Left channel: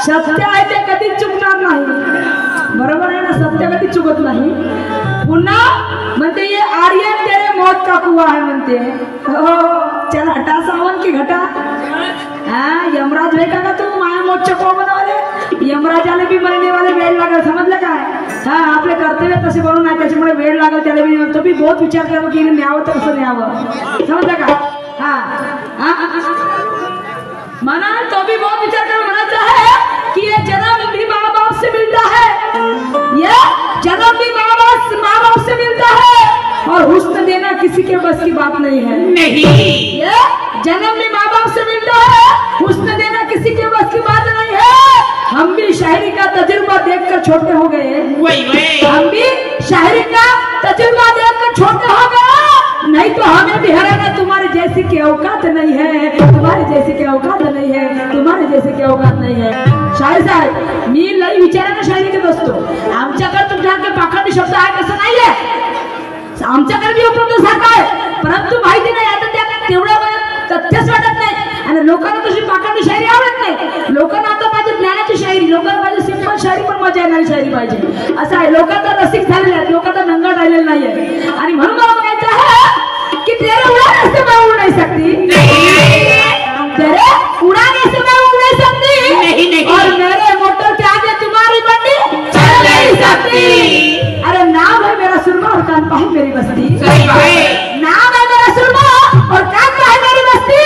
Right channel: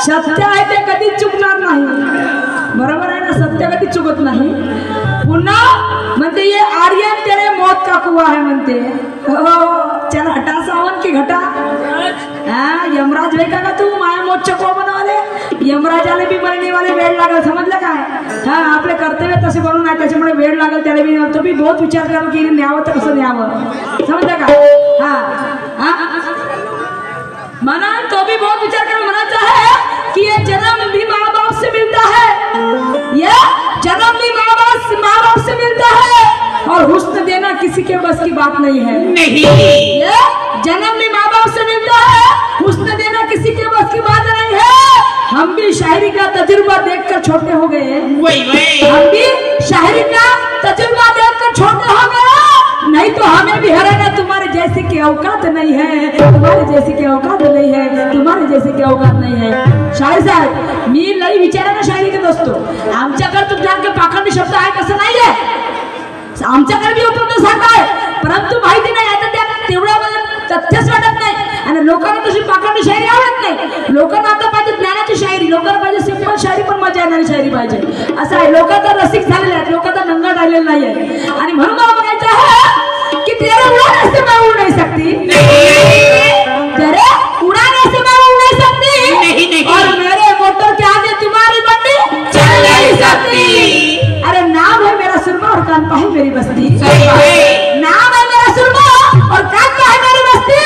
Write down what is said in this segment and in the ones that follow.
सत्य आहे ते कधीच चुकणार नाही, बरोबर आहे ना? सत्य कधीच चुकत नाही. पुन्हा म्हणते ये आर्यन तेरे मौत का कुआ है म्हणते. हो चल हटा सावन की घटा. यमराज भेटा का तू माया मोर्चा को बनवाले. यमराजाला बी मरणे वाले वेळ लागल, समजलं काय? आपले कर्तव्य तसे बनवून नाही, त्याच्यामुळे वेळ लागल त्याला बी. तो बी बहुत विचार करावं की न्यावं तर कसं न्यावं, समजलं का? मना तो भी बहुत विचार कर मनाता है कि ये जन्म भी माँ बाप से मिलता है, ये जन्म भी माँ बाप से मिलता है, और हुस्न देना किसी के बस की बात नहीं है. नहीं, ये जन्म भी माँ बाप से मिलता है, हुस्न देना किसी के बस की बात नहीं है. हम भी शायरी का तजुर्बा देखकर छोटे हो गए, हम भी शायरी का तजुर्बा देखकर छोटे हो गए. नहीं तो हमें भी हराना तुम्हारे जैसे की औकात नहीं है, तुम्हारे जैसे की औकात नहीं है, तुम्हारे जैसे की औकात नहीं है. शायर साहेब मी लई विचारानं शायरी करत असतो. आमच्याकडे तुमच्याकडे पाखंडी शब्द आहे कसं नाहीये, आमच्याकडे बी उपलब्ध सारखा आहे, परंतु माहिती नाही आता त्या तेवढं तथ्यच वाटत नाही. आणि लोकांना तशी पाखंडी शायरी आवडत नाही. लोकांना आता पाहिजे ज्ञानाची शायरी, लोकांना पाहिजे सिंपल शायरी, पण मजा येणारी शायरी पाहिजे. असं आहे, लोकांचा रसिक झालेले आहेत, लोकांचा नंगा राहिलेला नाहीये. आणि म्हणून मला म्हणायचं आहे कि तेरे उड़ाने से मैं उड़ नहीं सकती, तेरे उड़ाने से मैं उड़ नहीं सकती, और मेरे मोटर के आगे तुम्हारी बंडी चल नहीं सकती. अरे नाम है मेरा सुरमा और कानपा है मेरी बस्ती, नाम है मेरा सुरमा और कानपा है मेरी बस्ती.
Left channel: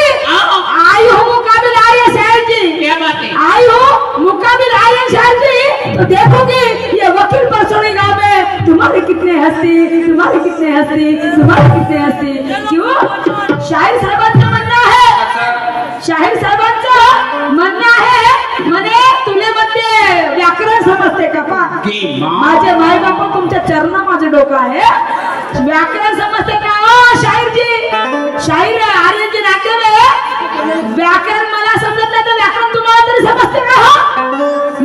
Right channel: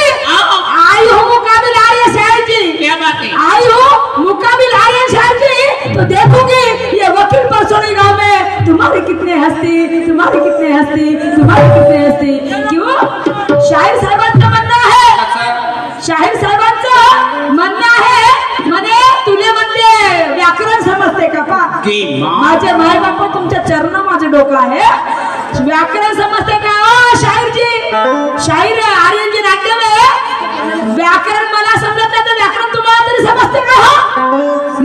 आई हो मुकाबिल आइए शायर जी, क्या बात है? आई हो मुकाबिल आइए शायर जी, तो देखोगे ये वकील परसोड़ी गाँव में तुम्हारी कितने हस्ती, तुम्हारी कितने हस्ती, तुम्हारी कितने हस्ती. क्यों? शायर साहेबांचं म्हणणं आहे, शाहीर साहेबांचं म्हणणं आहे म्हणे तुले म्हणजे व्याकरण समजते का पा? माझे माय बापा तुमच्या चरणा माझे डोकं आहे, व्याकरण समजते का? ओ शाहीर जी, शाहीर आर्यन जी नाट्य में व्याकरण मला समजत नाही तर व्याकरण तुम्हाला तरी समजते का?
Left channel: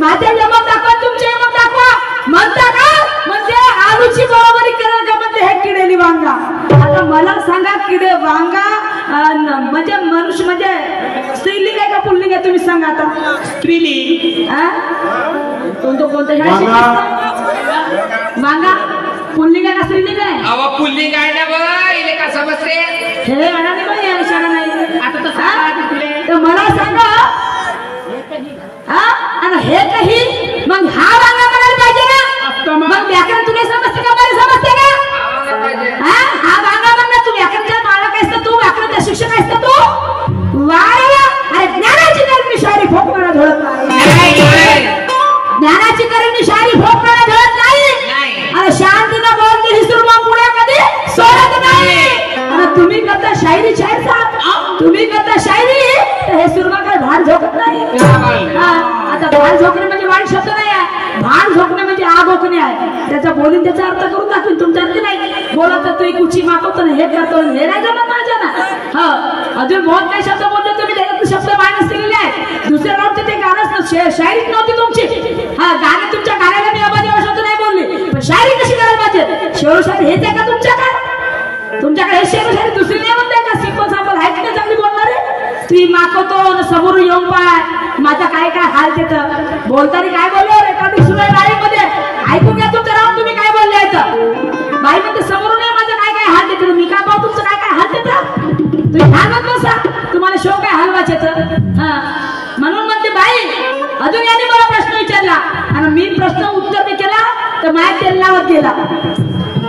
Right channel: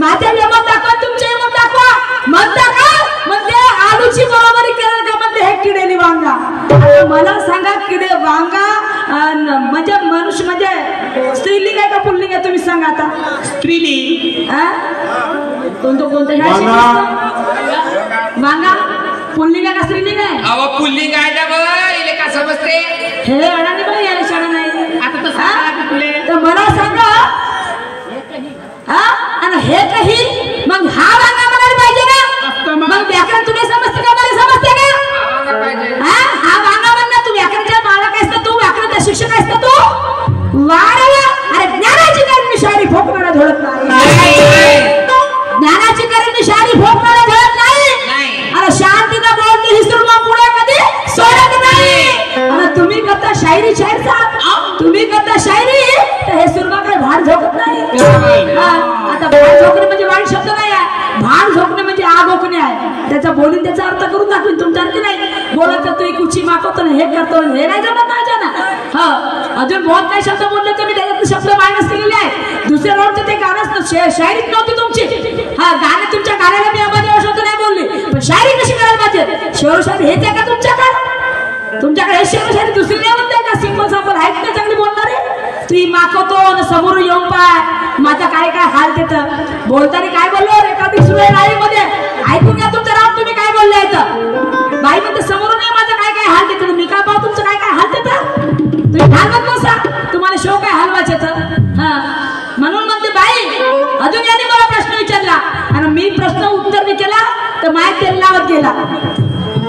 माझ्या यमक दाखवा, तुमच्या यमक दाखवा. म्हणता का म्हणजे आलूची बरोबरी करेल का म्हणते हे किडेली वांगा. आता मला सांगा किडे वांगा म्हणजे मनुष्य म्हणजे स्त्रीलिंग आहे का पुल्लिंग आहे? तुम्ही सांगा आता. स्त्रीलिंग कोणत्या वांगा पुल्लिंग आहे का स्त्रीलिंग आहे? अहो पुल्लिंग आहे ना बाबा, इले का समजते? हे अडाणी बाई आहे, शाळा नाही. आता तर तुले तर मला सांगा आणि हे काही मग हा वांगा म्हणायला पाहिजे ना, मग व्याकरण तुम्ही समजते का मला समजते का? हा वांगा म्हणणं तू व्याकरणच्या मालक आहेस ना, तू व्याकरणचा शिक्षक आहेस ना तू. वाऱ्याला अरे ज्ञानाची करणी शायरी फोकणारा धडत नाही, ज्ञानाची करणी शायरी फोकणारा धडत नाही. अरे शांतीनं बोलते ही सुरमा पुढे कधी सोडत नाही. आणि तुम्ही करता शायरी, शायर साहेब तुम्ही करता शायरी, तर हे सुरमा काय भाड झोकत नाही. आता भाड झोकणे म्हणजे वाईट शब्द नाही आहे, भाड झोकणे म्हणजे आग ओकणे आहे. त्याचा बोलून त्याचा अर्थ करून दाखवीन, तुमचा अर्थ नाही बोलत तू कुची मागवतो ना, हे करतो हे नाही जमत माझ्या ना. अजून बहुत काही शब्द बोलले तुम्ही, त्याच्यात शब्द मायनस केलेले आहे. दुसऱ्या रोजचे ते गाणंच शायरीच नव्हती तुमची. गाणे तुमच्या गाण्याला मी अबाधी शब्द नाही बोलले, पण शायरी कशी करायला पाहिजे? शेवशायरी हेच आहे का तुमच्याकडे? तुमच्याकडे हे शेवशायरी दुसरी नाही म्हणते का? सिंपल सापल आहेत का चांगली बोलणारे? तुम्ही मागवतो ना समोर येऊन पाय माझा काय काय हाल तिथं बोलताना काय बोललो रेकॉर्डिंग सुरू आहे लाईव्ह मध्ये, ऐकून घ्या तुमचं राव तुम्ही काय बोलले इथं. बाई म्हणते समोरून ये माझा काय काय हाल तिथं, मी काय पाहू तुमचं काय काय हाल तिथं. तुम्ही हालवत नसा, तुम्हाला शो काय हलवायचे तर. म्हणून म्हणते बाई अजून याने मला प्रश्न विचारला आणि मी प्रश्न उत्तर नाही केला तर माय तेल लावत गेला,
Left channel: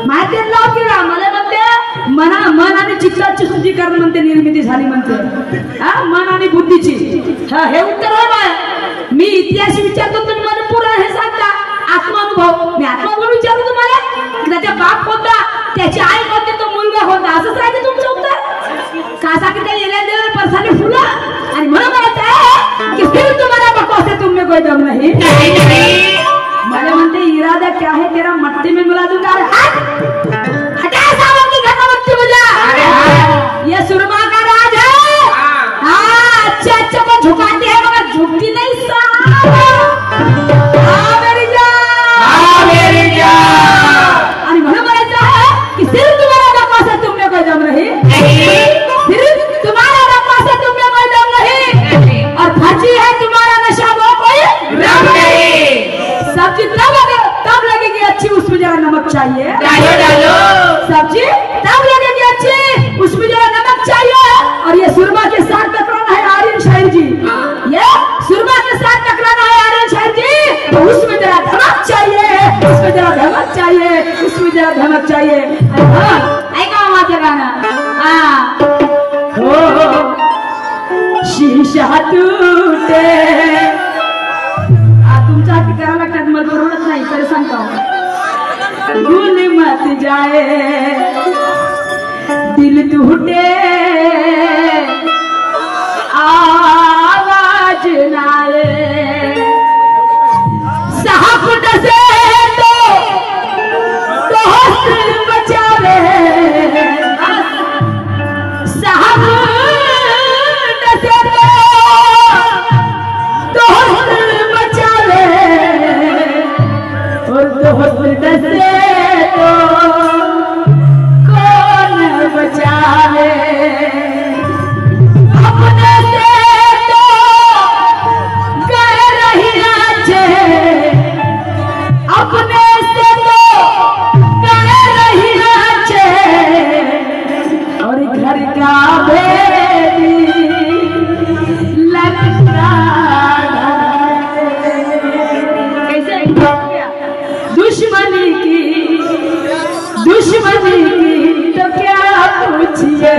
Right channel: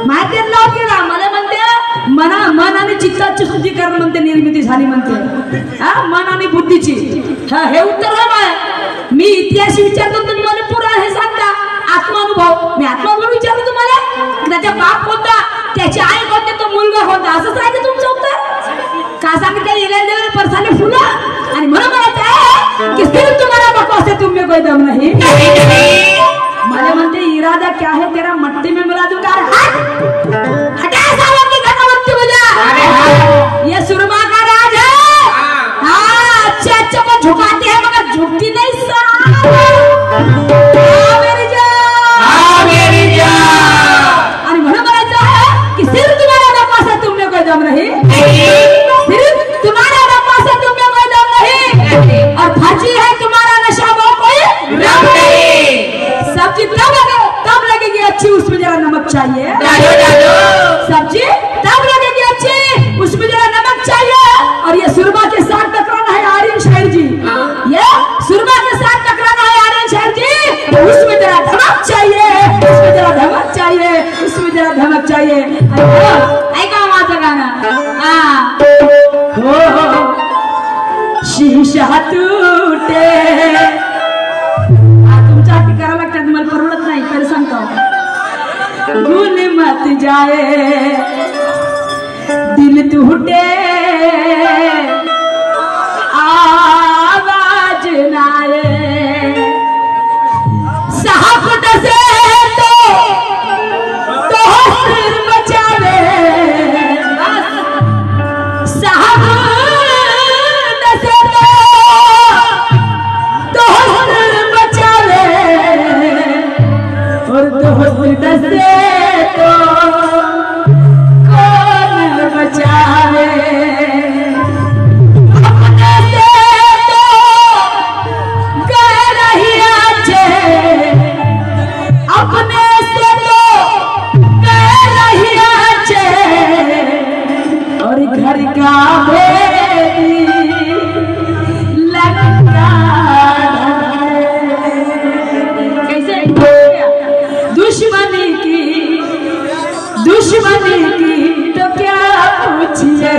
माय तेल लावत गेला. मला म्हणते मन आणि चित्ताची शुद्धीकरण म्हणते निर्मिती झाली म्हणते, मन आणि बुद्धीची. हे उत्तर आहे माय. मी इतिहास विचारतो तुम्ही मला पुरा हे सांगता आत्मानुभव. मी आत्मानुभव विचारतो तुम्हाला, त्याचा बाप कोणता, त्याची आई कोणती, तो मुलगा कोणता, असंच आहे का तुमचं उत्तर? का सांगितलं येण्या परसाने फुलं. आणि म्हणून मला की तुम्हाला नको असे चाहिए। डालो डालो सब्जी तब लगेगी अच्छी, उसमें जरा नमक चाहिए। और ये सुरमा के साथ टकराना है आर्यन शहर जी, ये सुरमा के साथ टकराना है आर्यन शहर जी, तो उसमें जरा धमक चाहिए, उसमें जरा धमक चाहिए, उसमें जरा धमक चाहिए। आएगा माता गाना। हाँ शीशा टूटे तुमच्या हाती करावं लागतात, मला परवडत नाही, परेशान करो। भूल मत जाए दिल टूटे आवाज नाए साहब से तो हंस बचावे साहब से तो हंस बचावे और दोस्त से तो कौन बचावे अपने से तो गए रहिया छे अपने से तो गए रहिया छे और घर का भेदी लगता कैसे दुश्मनी की तो क्या पूछिए।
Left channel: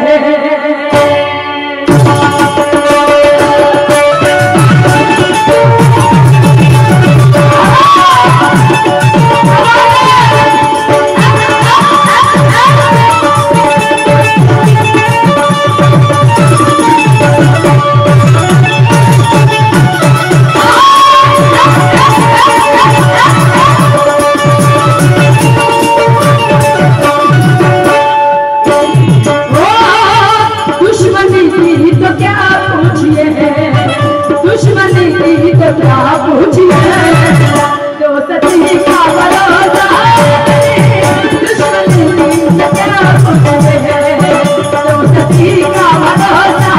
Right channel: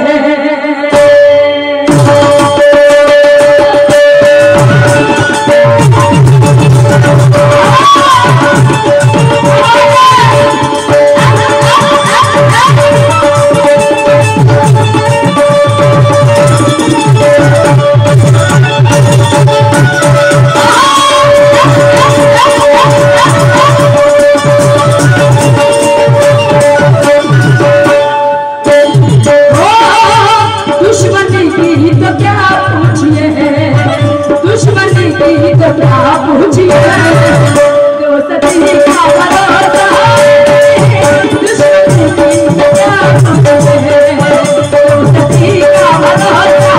क्या पूछिए दोस्ती का भरोसा दुश्मनी की क्या पूछिए दोस्ती का भरोसा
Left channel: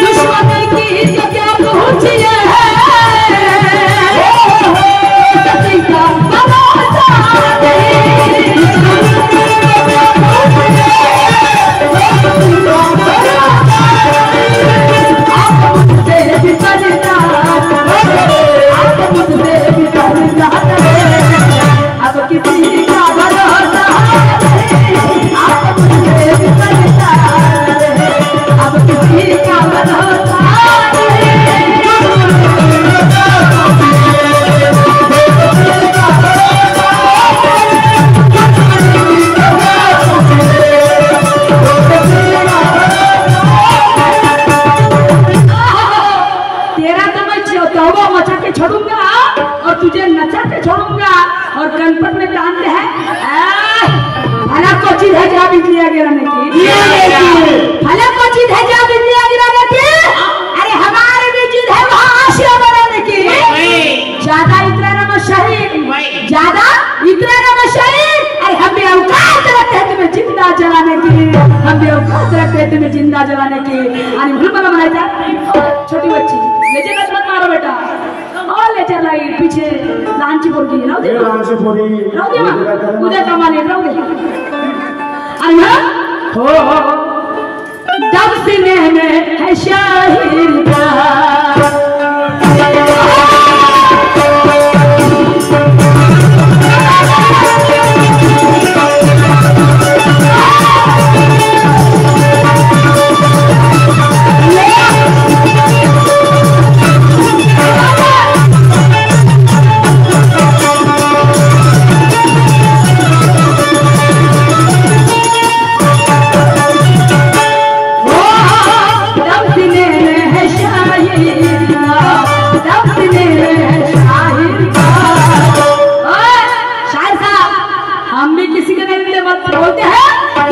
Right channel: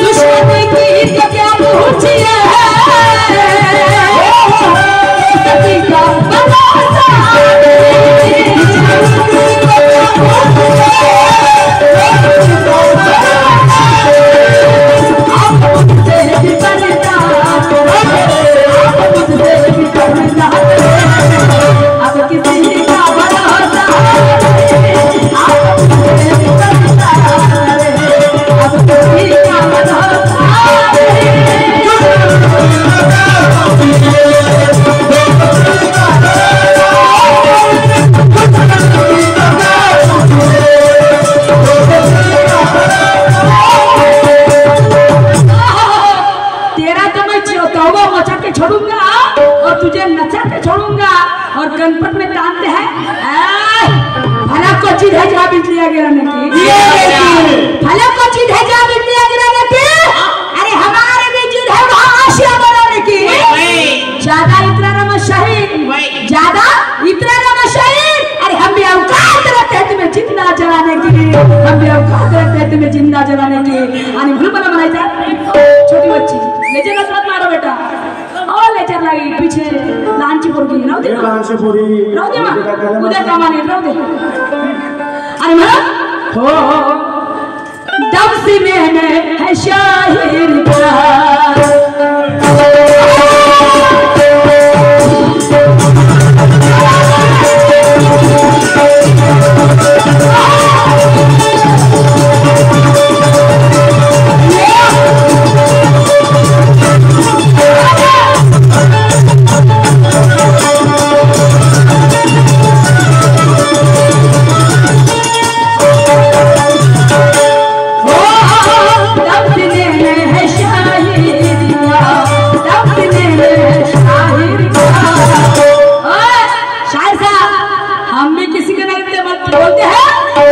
दुश्मनी की तो क्या पूछिए छोड़ूंगा और तुझे नचा के छोड़ूंगा और गणपत में जानते हैं भला को चीज है जहाँ बिजली गिराने की भला को चीज है जहाँ बिजली गिराने की अरे हमारे बिजली है वहाँ आशिया बनाने की ज्यादा इतना नमशाही ज्यादा इतना नमशाही अरे हम भी औकात रखते हैं तुम्हें जिंदा जलाने की हम भी औकात रखते हैं तुम्हें जिंदा जलाने की अरे भूल बना बनाई था छोटी बच्ची लेजे मत मारो बेटा और ले चल रही पीछे लांची पोरी राव दे मां उधर कमाने राव दे अन्ना हो दब सीने में है शाहिर का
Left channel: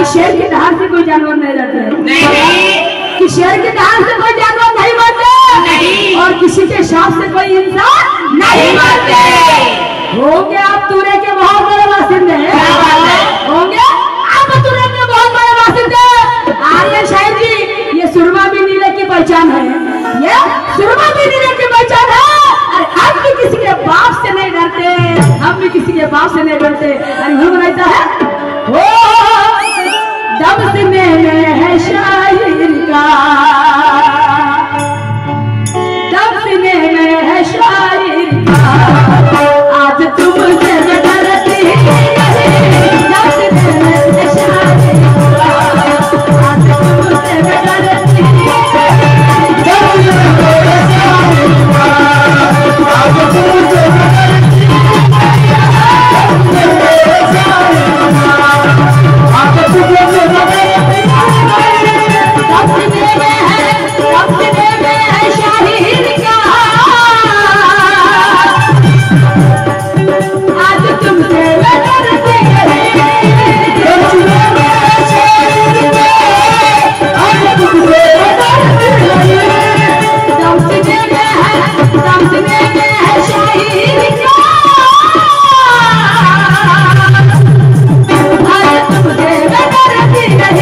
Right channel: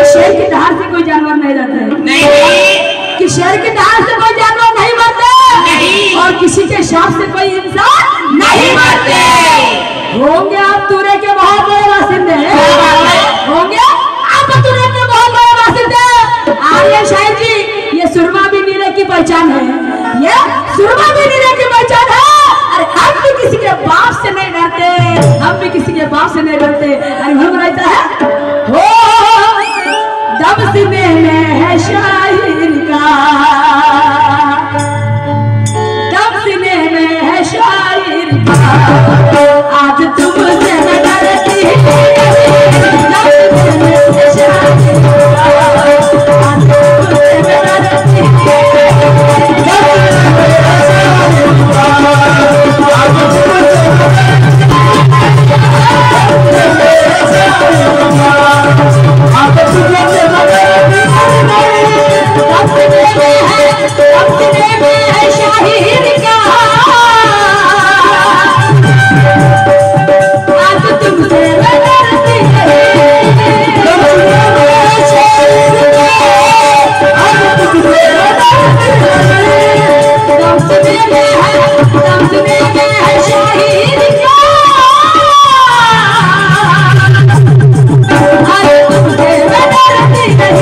शेर के दहाड़ से कोई जानवर नहीं रहते नहीं कि शेर के दहाड़ से कोई जानवर नहीं मरते और किसी के श्राप से कोई इंसान नहीं मरते होंगे आप तूरे के बहुत बड़े बासिंदे होंगे पहचान है, ये सुरमा भी वीर की पहचान है। अरे हम भी किसी के बाप से नहीं डरते, हम भी किसी के बाप से नहीं डरते। अरे हम बनाता है हो दम सीने में है शाहिर का, दम सीने में है शाहिर का, आज तुमसे मैं डरती नहीं, दम सीने में है शाहिर का, आज तुमसे मैं डरती नहीं, दम सीने में है शाहिर का, आज तुमसे मैं डरती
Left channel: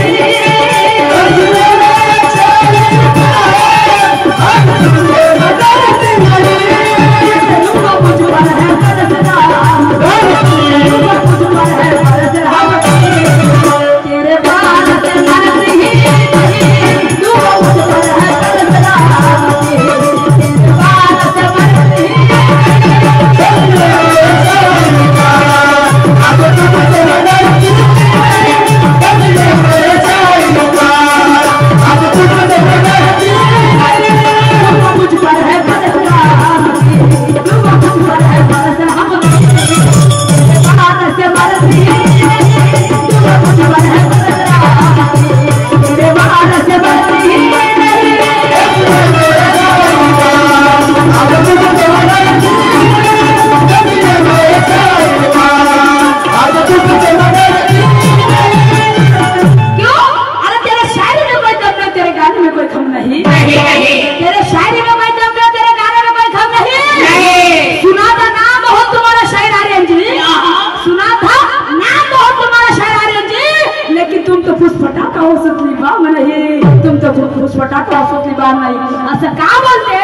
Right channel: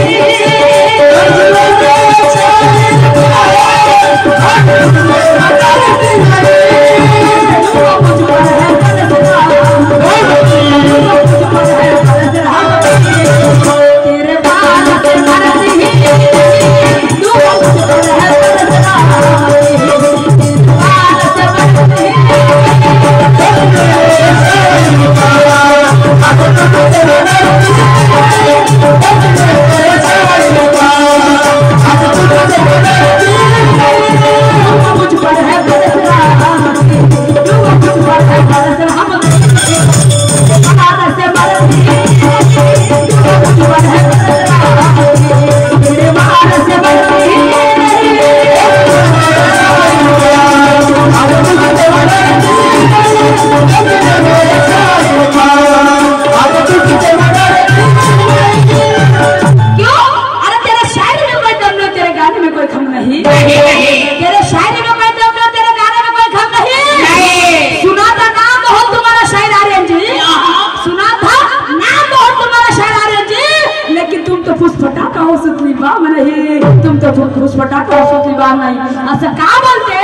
असं का बोलते?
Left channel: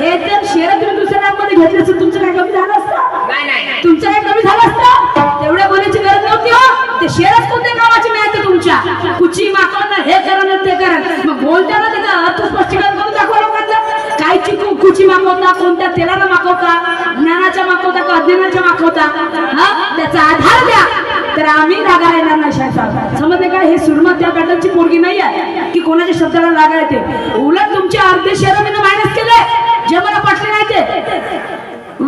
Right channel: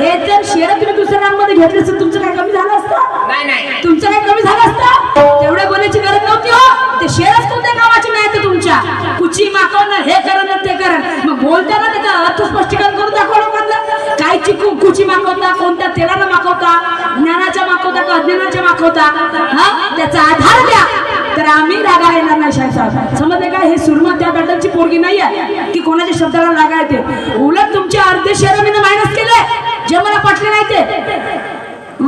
हे जर शेअर तुम्ही दुसऱ्यांमध्ये घेतले असतं तुमचं काय कमी झालं असतं? नाही तुमचं काय कमी झालं असतं? तेवढ्या बोलायची गरज नव्हती हो. ते शेअरच कोणत्या कामाची नाही ते तुमच्या कुची मागवणं हे करणं ते करण. मग बोलताना त्याचा अर्थ स्पष्टीकरण करून दाखवा लोकांना. काय कुची मागवता, कोणत्या तेलानं मागवता, ज्ञानाच्या मागवता का अज्ञानाच्या मागवता, हा त्याचा आधार द्या. तर आम्ही रागा येणार नाही साहेब. समजले का? हे सुरमा त्या बॅटलची पोरगी नाही आहे की कोणाच्या शब्दाला रागा येते. उलट तुमच्या अर्धे शेअर मी मायनस केले जे मला पटले नाही ते.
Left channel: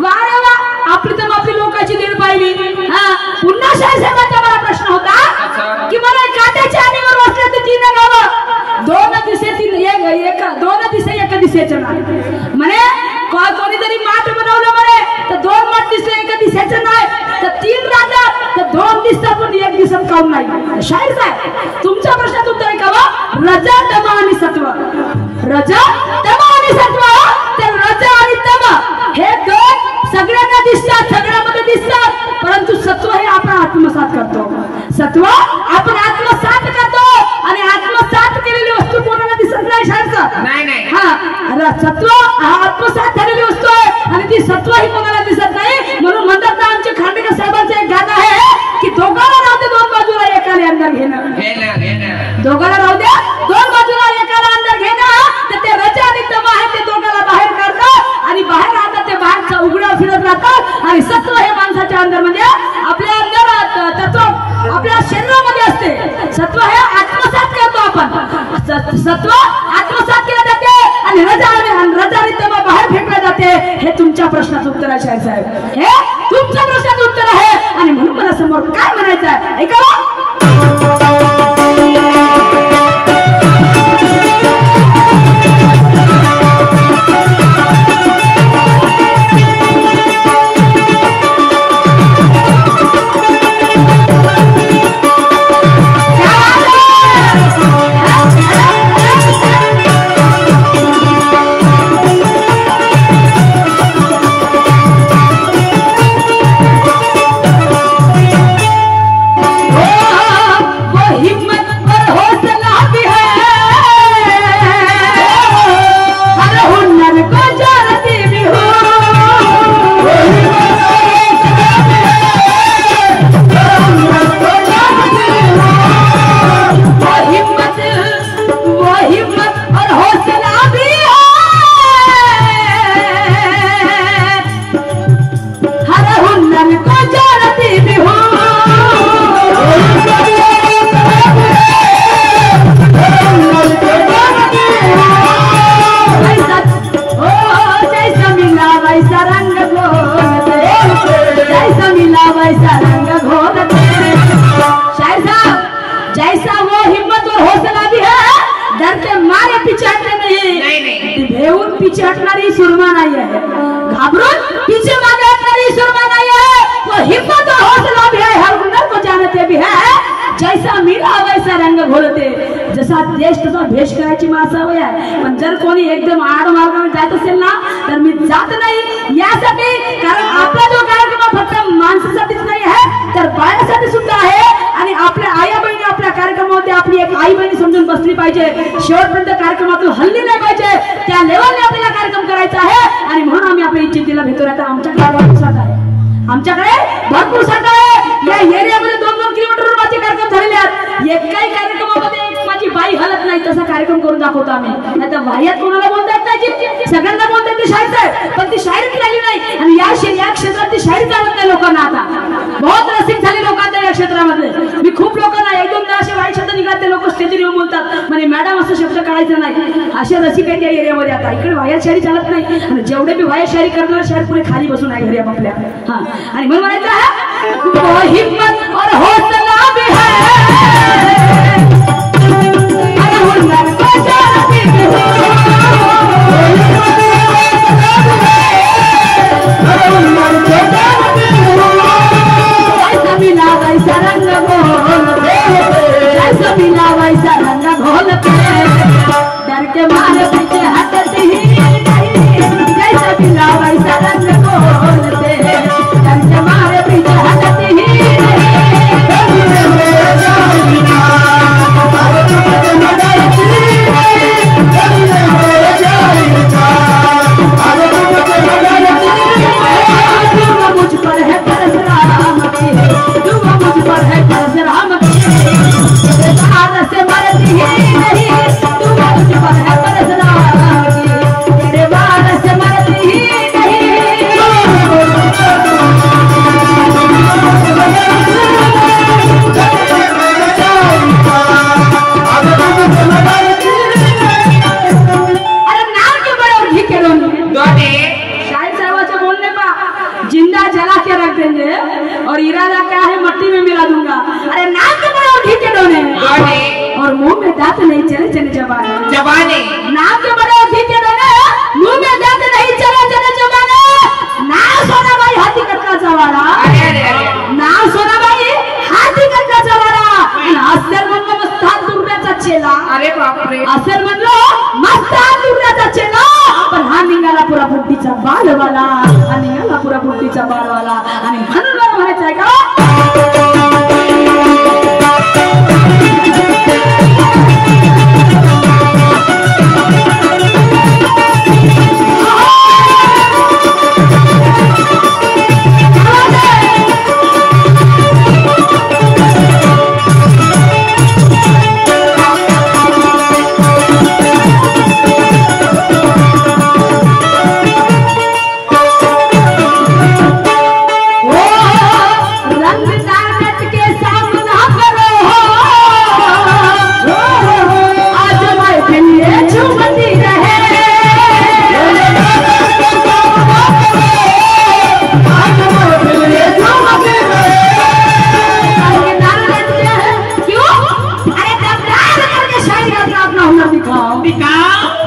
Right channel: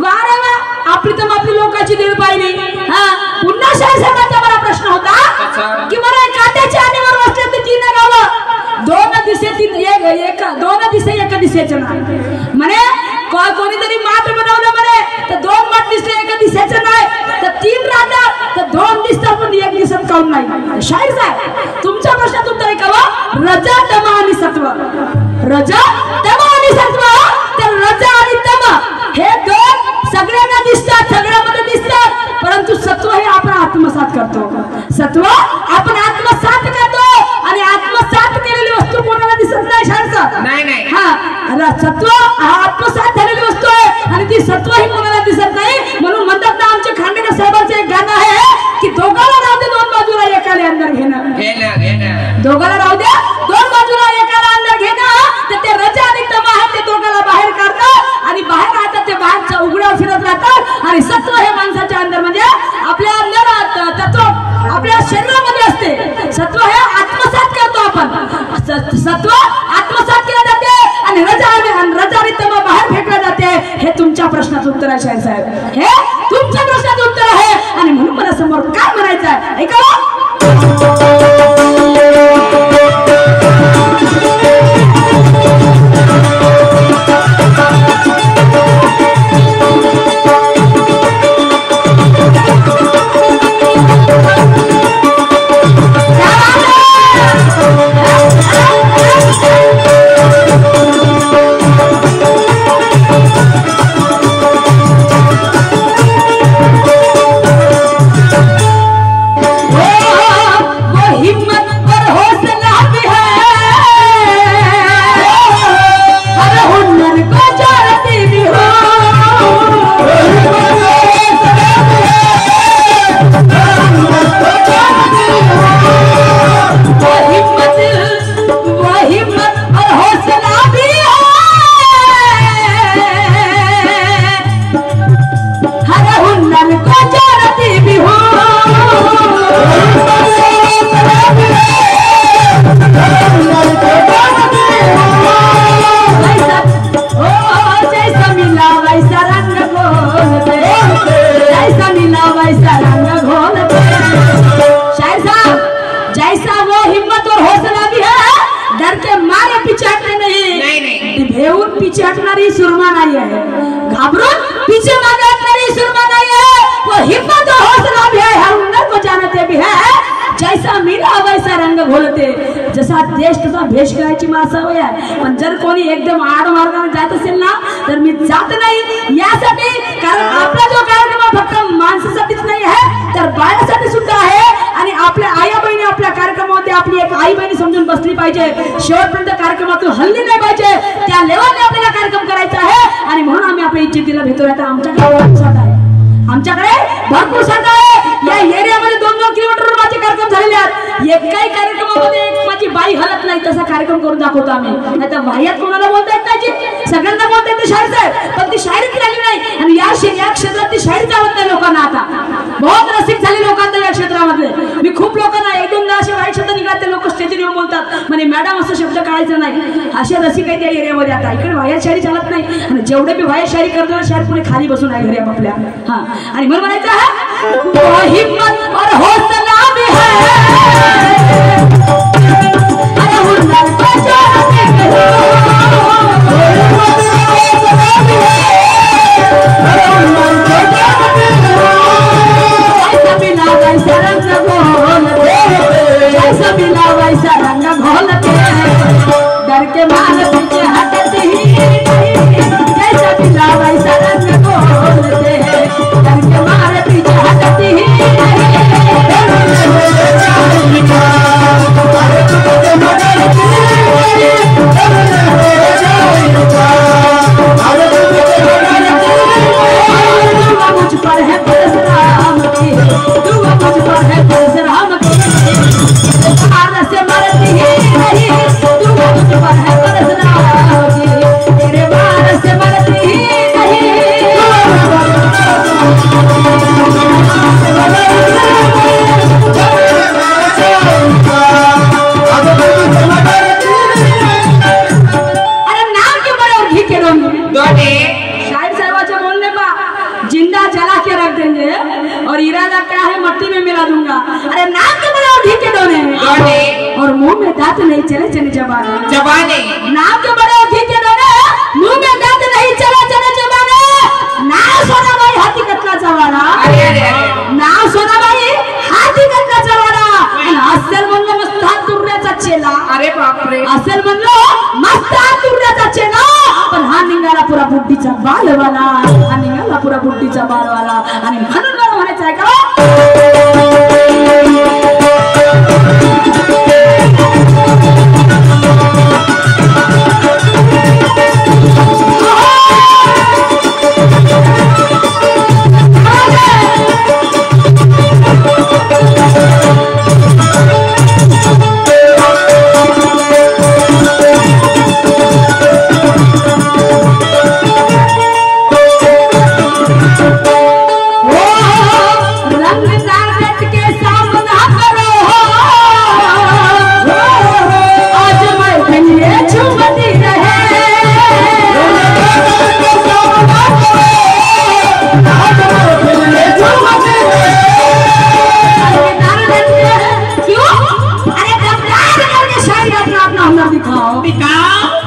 वा रे वा, आपली तर आपली लोकांची दिल पाहिली. हा पुन्हा साहेबांचा मला प्रश्न होता की मला काट्याच्या आणीवर बसले ते 3 गावं 2 दिसे 3 एक 2 दिसे एका दिशेचं नाही म्हणे. कोणीतरी माठ बनवलं म्हणे तर 2 माठ दिसले एका दिशेचं नाही, तर 3 राहतात तर 2 दिसतात पण 1 दिसत काऊन नाही? शाहीर साहेब तुमचा प्रश्न उत्तर आहे का? रजा तम आणि सत्व, रजा तम आणि सत्व. तर रजा आणि तम हे 2 सगळ्यांना दिसतात, सगळ्यामध्ये दिसतात, परंतु सत्व हे आपण आत्मसात करतो. सत्व आपण आत्मसात करतो आणि आत्मसात केलेली वस्तू कोणाला दिसत नाही शाळेचं. नाही हा सत्व हा आत्मसात झालेली वस्तू आहे आणि ती सत्व ही कोणाला दिसत नाही. म्हणून म्हणतात ना आमचे खांडेकर साहेबांचं एक गाणं आहे की दोघाला राहू दे 2 बाजूला एकाला अंदर घेणं. दोघाला राहू द्या 2 बाजूला एकाला अंदर घेणं. तर ते रजा आणि तम आहे ते दोघाला बाहेर काढतात आणि बाहेर राहतात ते बाहेरचा उघड्यावर फिरत राहतात. आणि सत्व हे माणसाच्या अंदर म्हणजे आपल्या अंदर तत्व आपल्या शरीरामध्ये असते. सत्व हे आत्मसात करतो आपण. सत्व आत्मसात केलं जाते आणि रजा आणि तम बाहेर फेकलं जाते. हे तुमच्या प्रश्नाचं उत्तर आहे शाहीर साहेब. हे तुमच्या प्रश्नाचं उत्तर आहे आणि म्हणून मला समोर काय म्हणायचं आहे ऐका. हिम्मत वैसा रंग घोलते, जैसा मिला वैसा रंग घोलते। शायर साहब, जैसा वो हिम्मत और हौसला भी है, डर के मारे पीछे हटते नहीं, भेऊन पीछे हटणारी सुरमा नाही आहे, घाबरून पीछे मागे हटणारी सुरमा नाही आहे। वो हिम्मत और हौसला भी है, हर हुनर को जानते भी है, जैसा मिला वैसा रंग घोलते। जसा देश तसा भेष करायची माणसं होय आहे, पण जर कोणी एकदम आड मार्गाने जात असेल ना, तर मी जात नाही यासाठी, कारण आपला जो कार्यक्रम फक्त माणसासाठीच नाही आहे, तर बाळासाठी सुद्धा आहे। आणि आपल्या आई बहिणी आपल्या कार्यक्रमामध्ये आपली एक आई बहिणी समजून बसली पाहिजे, शेवटपर्यंत कार्यक्रमातून हल्ली नाही पाहिजे, त्या लेवलने आपल्याला कार्यक्रम करायचा आहे। आणि म्हणून आम्ही आपल्या इज्जतीला भेटतो। आता आमच्याकडे भरपूर साथ आहे, या एरियामध्ये 2-2 किलोमीटर माझे कार्यक्रम झालेले आहेत। एकाही कार्यक्रमामध्ये एक माझी बाई हलत नाही, तसा कार्यक्रम करून दाखवतो आम्ही। आता वाह्यात कोणाला बोलता येत नाही, सगळ्यांना बोलता येते शाहीर साहेब, पण ती शायरी राहिली नाही। आणि या क्षेत्रात ती शायरी आवडत नाही लोकांना। आता बहुत रसिक झाले लोकांना या क्षेत्रामध्ये। मी खूप लोकांना 1-2दा असे वाईट शब्द निघाले, लोक स्टेजवर येऊन बोलतात म्हणे मॅडम असं शब्द काढायचं नाही, असे रसिक आहेत या एरियामध्ये। आता इकडे वाह्यात शायरी चालत नाही, आणि जेवढे मी वाह्यात शायरी करणार शायरी पुढे खाली बसून आहे घरी आपल्या। हा, आणि म्हणून म्हणायचं है वो हिम्मत और हौसला भी है, अरे हुनर को जानते भी हो, जैसा मिला वैसा रंग घोलते, जैसा मिला वैसा रंग घोलते, डर के मारे पीछे हटते ही नहीं, जैसा मिला वैसा रंग घोलते, डर के मारे पीछे हटते ही नहीं। मुझ पर है परशुराम की, दुआ मुझ पर है परशुराम की, तेरे वार से मरती ही नहीं, दुआ मुझ पर है परशुराम की, तेरे वार से मरती ही नहीं। अरे नाम क्यों बड़े और घी के रोंगे, शायद साहबाचे बोलने का जिंदा जला के रख देंगे, और इरादा क्या है मट्टी में मिला दूंगा। अरे नाम के बड़े और घी के दोने, और मुंह में दांत नहीं चले चले जबाने, नाम के बड़े और घी के दोने, मुंह में दांत नहीं चले चले जबाने। ना सोना भाई हाथी कटला चवारा, ना सोना भाई हाथी कटला चवारा, असेल म्हणलं मस्तान दुर्याचा चेला, अरे बापरे, असेल म्हणलं मस्तान दुर्याचा चेला, पण हा निघाला पुरा बुद्धीचा बालवाला, हा निघाला पुरा बुद्धीचा बालवाला। आणि म्हणून मला म्हणायचं आहे का,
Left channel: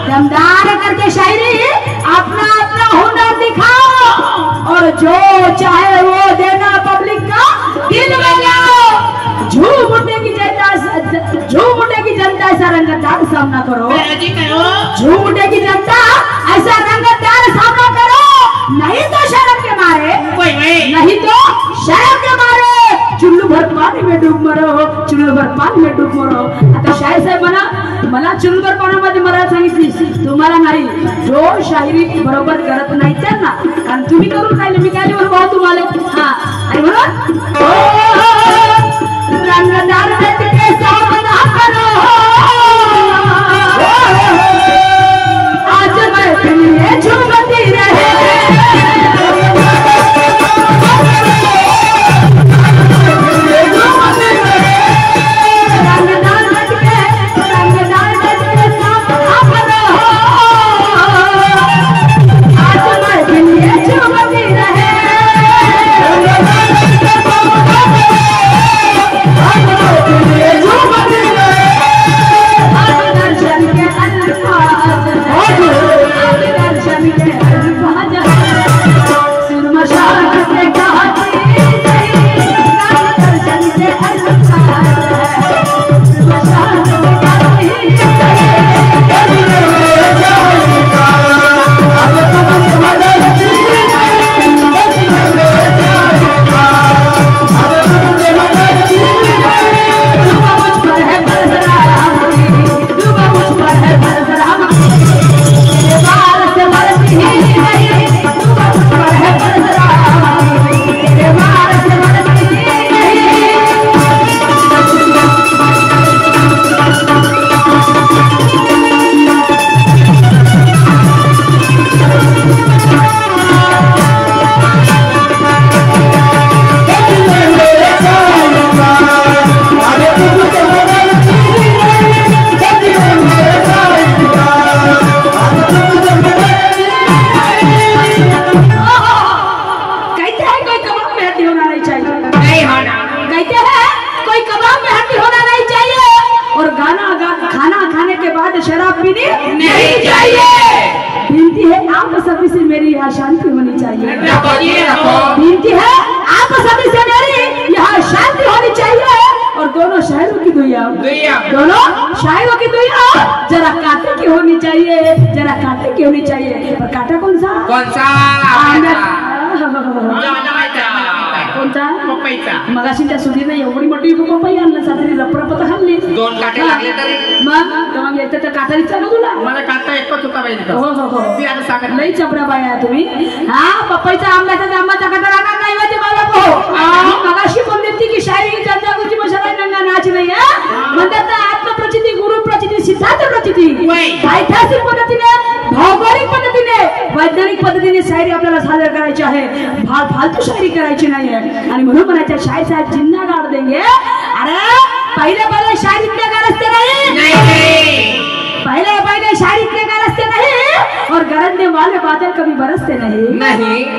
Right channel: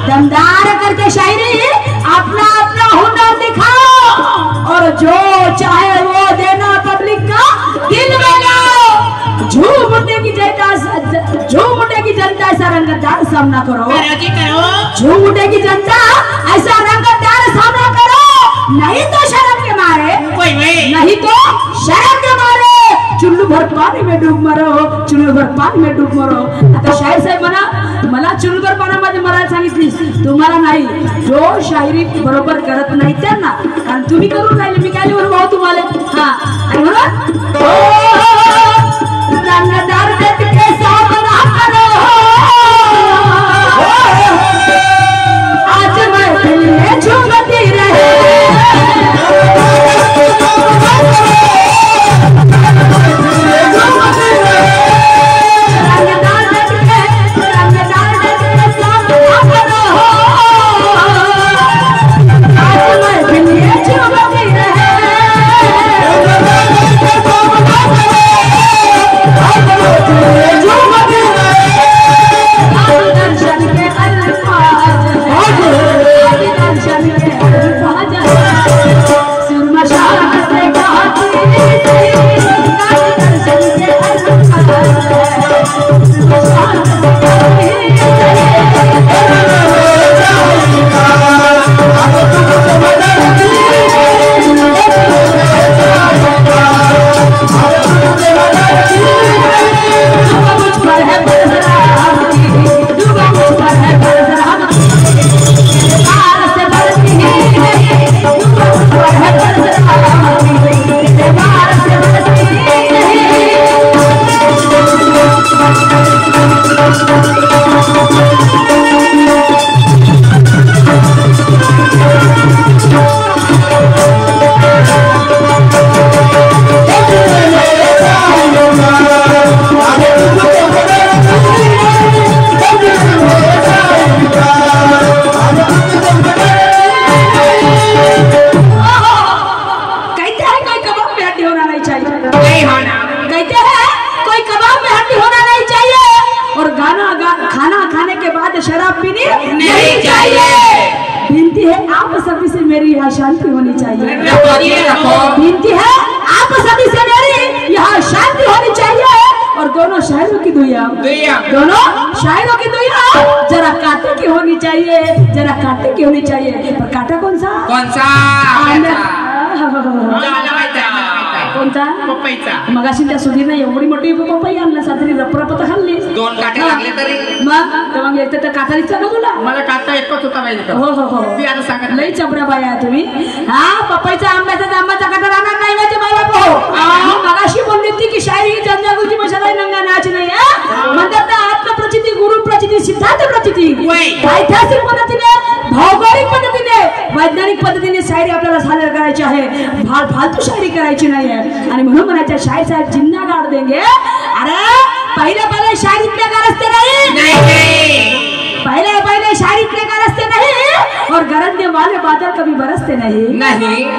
दमदार करके शायरी अपना अपना हुनर दिखाओ, और जो चाहे वो देना पब्लिक का दिल में लाओ। झूम उठने की जनता ऐसा रंगदार सामना करो, झूम उठने की जनता ऐसा रंगदार सामना करो, नहीं तो शर्म के मारे, नहीं तो शर्म के मारे चुल्लू भर पानी में डूब मरो, चुल्लू भर पानी में डूब मरो। आता शाहीर साहेब मला चुल्लू भर पाण्यामध्ये मरायला सांगितलीस, तुम्हाला नाही, जो शायरी बरोबर करत नाही त्यांना, कारण तुम्ही करून राहिले, मी काय बरोबर भाऊ तुम्हाला। हा, आणि म्हणून रंगदार के सामना करो, आज मैं फिर झूमती रहे, आज मैं फिर यहाँ शांति होनी चाहिए। रखो। विनती है आप सभी से मेरी यहाँ शांति होनी चाहिए। और दोनों शायरों की दुआ, दोनों शायरों की दुआ जरा कांटे की होनी चाहिए, जरा कांटे की होनी चाहिए। पर कांटा कौन सा? कोणता? मगाशी त्या सुधीरने एवढी मोठी पपई आणला सातरी रपरपत खाल्ली, 2 काटे लागले तरी मग तेव्हा मी एकतर त्या काटा दिसला ना तुला? मला काटा एकच होता पाहिजे. हो हो हो ती आता सांगत लई चपड्या बाई आहे तुम्ही. हा पपईचा आंब्याचा जांबाचा काटा लागणार नाही माझे बाबा हो. मगाशी बोलली होती की शायरी ही जगजागृती मशाला नंगा नाच नाही आहे म्हणतात ना. आत्मप्रचिती, गुरु प्रचिती, सिद्धांत प्रचिती, ऐतिहासिक पद्धतीने, भौगोलिक पद्धतीने, वैज्ञानिक पद्धतीने शायरी आपल्याला सादर करायची आहे. फालतू शायरी करायची नाही आहे. आणि म्हणून म्हणायचं शायर साहेब जिंदा गाड़ देंगे. अरे पहले शायर इतने गरजते नहीं, पहले शायर इतने गरजते नहीं, और गरजने वाले बादल कभी बरसते नहीं,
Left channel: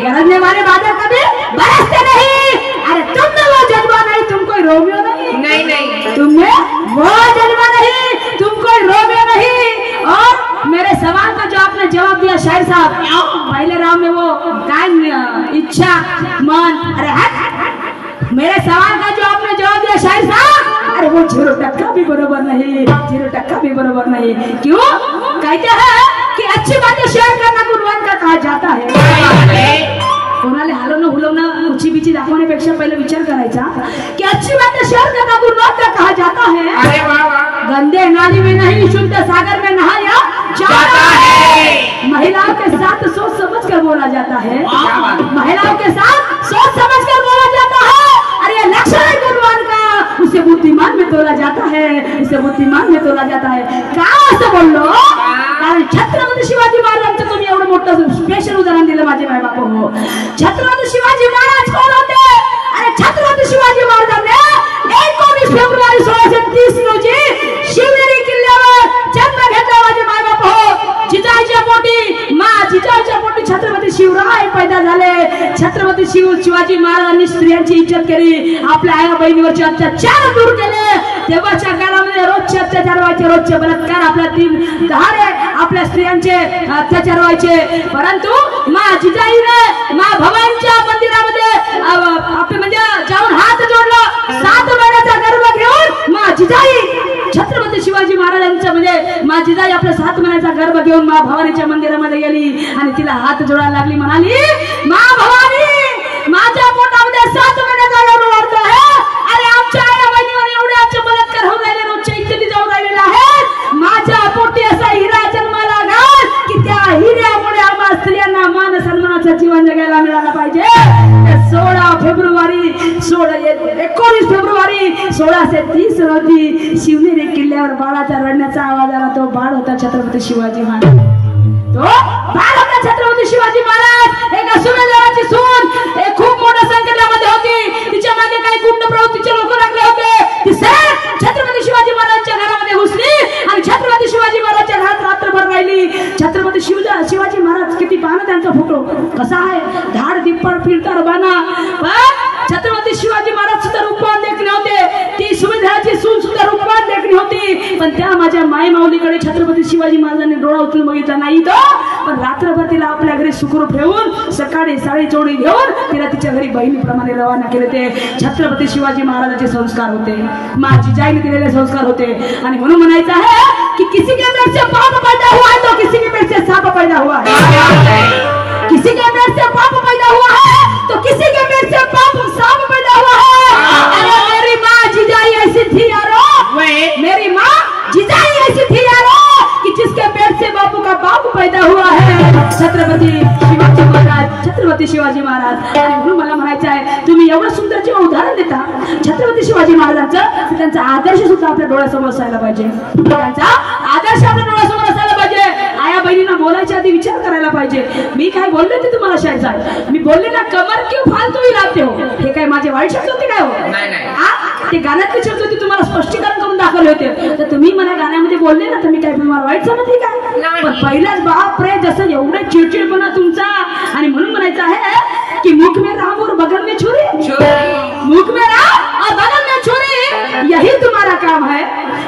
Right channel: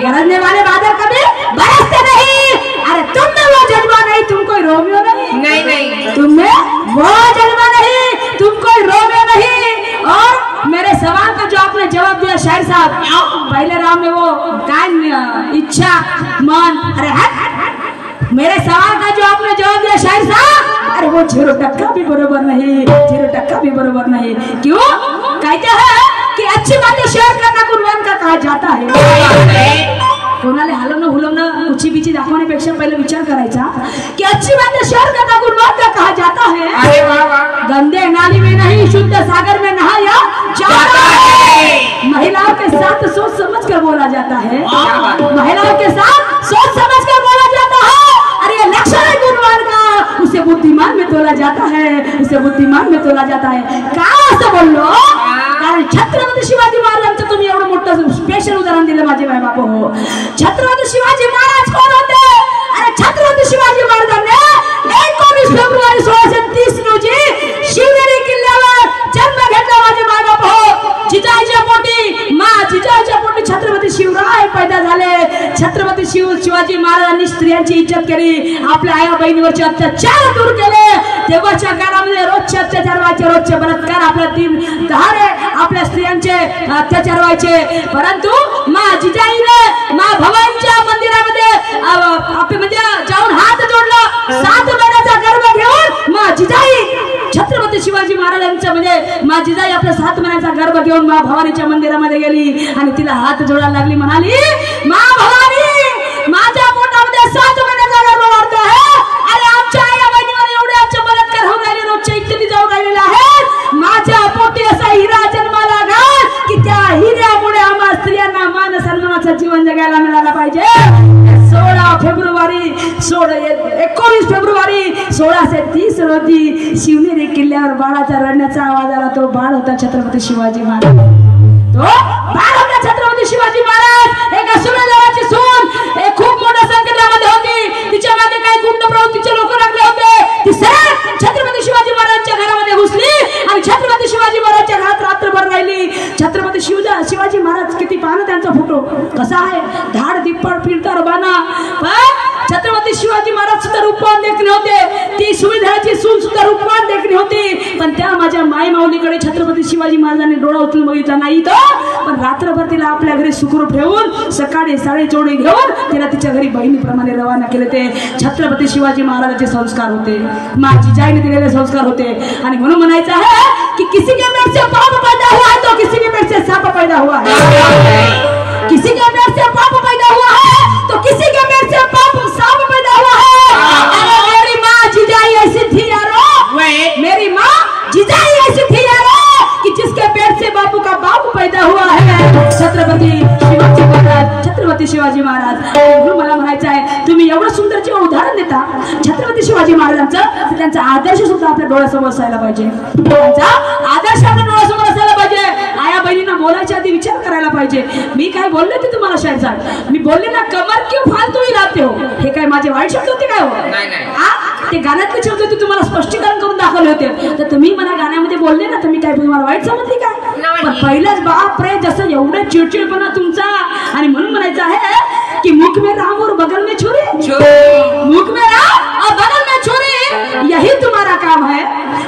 गरजने वाले बादल कभी बरसते नहीं. अरे तुम में वो जज्बा नहीं, तुम कोई रोमियो नहीं, तुम में वो जज्बा नहीं, तुम कोई रोमियो नहीं. और मेरे सवाल का जो आपने जवाब दिया शायर साहब, पहले राम में वो कान, इच्छा, मन, अरे हट. मेरे सवाल का जो आपने जवाब दिया शायर साहब, अरे वो 0% भी बरोबर नहीं, 0% भी बरोबर नहीं. क्यों? कहते हैं कि अच्छी बातें शेयर करना गुणवान का कहा जाता है. कोणाला हलवणं हुलवणं उची बिची दाखवण्यापेक्षा पहिले विचार करायचा की अच्छी बातें शेयर करना गुणवान का कहा जाता है. अरे वाह वाह. गंदे नाली में नहीं, शुद्ध सागर में नहाया जाता है. महिलाओं के साथ सोच समझ कर बोला जाता है, महिलाओं के साथ सोच समझ कर बोला जाता है. अरे लक्षण है गुणवान का, उसे बुद्धिमान में तोला जाता है, उसे बुद्धिमान में तोला जाता है. का असं बोललो? कारण छत्रपती शिवाजी महाराजांचं तुम्ही एवढं मोठं स्पेशल उदाहरण दिलं माझे माय बाप हो. छत्रपती शिवाजी महाराज कोण होते? अरे छत्रपती शिवाजी महाराजांनी 19 फेब्रुवारी 1630 रोजी शिवनेरी किल्ल्यावर जन्म घेतला माझे माय बाप हो. जिजाईच्या पोटी, जिजाईच्या पोटी छत्रपती शिवराय पैदा झाले. छत्रपती शिवाजी महाराजांनी स्त्रियांची इज्जत केली, आपल्या आया बहिणीवरचे अत्याचार दूर केले. तेव्हाच्या काळामध्ये रोजचे अत्याचार व्हायचे, रोजचे बलात्कार, आपल्या 3 दहाडे आपल्या स्त्रियांचे अत्याचार व्हायचे. परंतु जिजाईने भवानीच्या मंदिरामध्ये आपले म्हणजे जाऊन हात जोडला, 7 महिन्याचा गर्भ घेऊन जिजाई छत्रपती शिवाजी महाराजांचं म्हणजे जिजाई आपल्या 7 महिन्याचा गर्भ घेऊन भवानीच्या मंदिरामध्ये गेली आणि तिला हात जोडायला लागली. म्हणाली, भवानी माझ्या पोटामध्ये 7 महिन्याचा गर्भ वाढतो आहे. अरे आमच्या आया बहिणीवर एवढे आमचे बलात्कार होऊन राहिले, रोजच्या इत्यादी जाऊन राहिलेले आहेत. माझ्या पोटी असा हिरा जन्माला घाल की त्या हिऱ्यामुळे आम्हा स्त्रियांना मान सन्मानाचा जीवन जगायला मिळाला पाहिजे. 19 फेब्रुवारी 1630 रोजी शिवनेरी किल्ल्यावर बाळाच्या रडण्याचा आवाज आला. तो बाळ होता छत्रपती शिवाजी महाराज. तो बाळ होता छत्रपती शिवाजी महाराज. एका सुरेंद्राची सून खूप मोठ्या संकटामध्ये होती. तिच्या मागे काही गुंड प्रवृत्तीचे लोक लागले होते. ती सरळ छत्रपती शिवाजी महाराजांच्या घरामध्ये घुसली आणि छत्रपती शिवाजी महाराजांच्या घरात रात्रभर राहिली. छत्रपती शिवाजी महाराज किती पाहणं त्यांचा फोटो कसा आहे, धाड दिप्पड फिरतर बाणा. छत्रपती शिवाजी महाराज सुद्धा रूपवान देखणे होते. ती सुविधाची सून सुद्धा रूपवान देखणी होती. पण त्या माझ्या माय माऊलीकडे छत्रपती शिवाजी महाराजांनी डोळा उचलून बघितला नाही. तो पण रात्रभर तिला आपल्या घरी सुखरूप ठेवून सकाळी साडी जोडी घेऊन तिला तिच्या घरी बहिणीप्रमाणे रवाना केले. ते छत्रपती शिवाजी महाराजांचे संस्कार होते, जिजाईने दिलेले संस्कार होते. आणि म्हणून म्हणायचं आहे की किसी के पेट से पाप पैदा हुआ है तो किसी के पेट से सांप पैदा हुआ है, किसी के पेट से पाप पैदा हुआ है तो किसी के पेट से पाप सांप पैदा हुआ है. अरे मेरी माँ जिजाई ऐसी थी यारो, मेरी माँ जिजाई ऐसी थी यारो कि जिसके पेट से बापू का बाप पैदा हुआ है छत्रपती शिवाजी महाराज, छत्रपती शिवाजी महाराज. म्हणून मला म्हणायचं आहे तुम्ही एवढं सुंदर जेव्हा उदाहरण देता छत्रपती शिवाजी महाराजांचं, तर त्यांचा आदर्श सुद्धा आपल्या डोळ्यासमोर असायला पाहिजे. त्यांचा आदर्श आपल्या डोळ्यासमोर असायला पाहिजे. आया बहिणींना बोलायच्या आधी विचार करायला पाहिजे. मी काय बोलले ते तुम्हाला शायद साहेब, मी बोलले ना कमर क्यों फालतू ही राहते हो, हे काय माझे वाईट शब्द होते काय हो? ते गाण्यातले शब्द होते, तुम्हाला स्पष्टीकरण करून दाखवले होते. तर तुम्ही मला गाण्यामध्ये बोलले ना, तर मी काय तुम्हाला वाईट समजले काय? पण पहिल्याच बाप रे जसं एवढे चिडचिडपणा तुमचा. आणि म्हणून म्हणायचं आहे की मुख में राम और बगल में छुरी, मुख में राम और बगल में छुरी यही तुम्हारा काम है.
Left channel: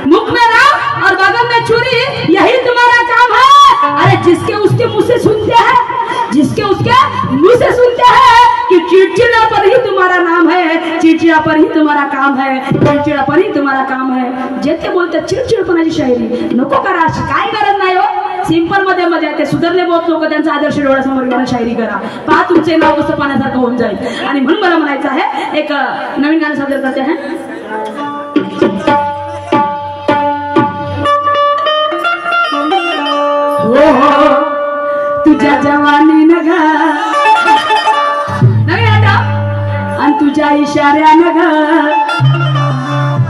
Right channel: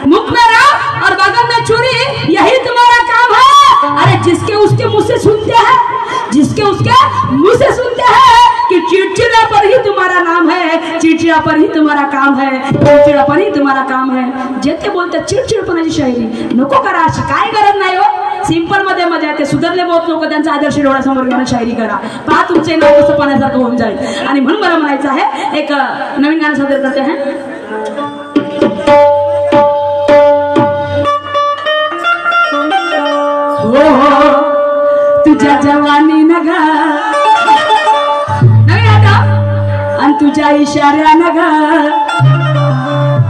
मुख में राम और बगल में छुरी यही तुम्हारा काम है. अरे जिसके उसके मुंह से सुनते हैं, जिसके उसके मुंह से सुनते हैं कि चिड़चिड़ा पर ही तुम्हारा नाम है, चिड़चिड़ा पर ही तुम्हारा काम है, चिड़चिड़ा पर ही तुम्हारा काम है. जेते बोलते चिडचिडपणाची शायरी नको करा, काय गरज नाही हो. सिंपल मध्ये मजा येते. सुधारले बहुत लोक त्यांचा आदर्श डोळ्यासमोर घेऊन शायरी करा, पहा तुमचे नाव कसं पाण्यासारखं होऊन जाईल. आणि म्हणून मला म्हणायचं आहे एक नवीन गाणं सादर करते हैं. हो तुझ्या जवानी नग आणि तुझ्या इशाऱ्या नग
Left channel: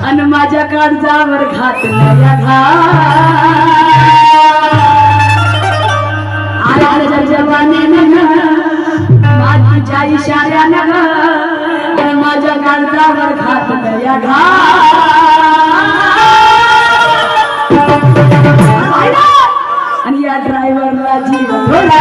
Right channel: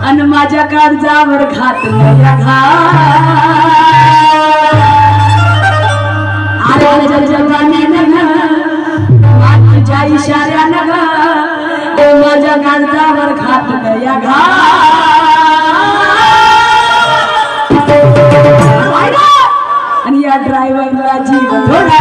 आणि माझ्या काळजावर घातलं या घात. अरे तुझ्या जवानी नग तुझ्या इशाऱ्या नग आणि माझ्या काळजावर घातलं या घात. आणि या ड्रायव्हरला जीव थोडा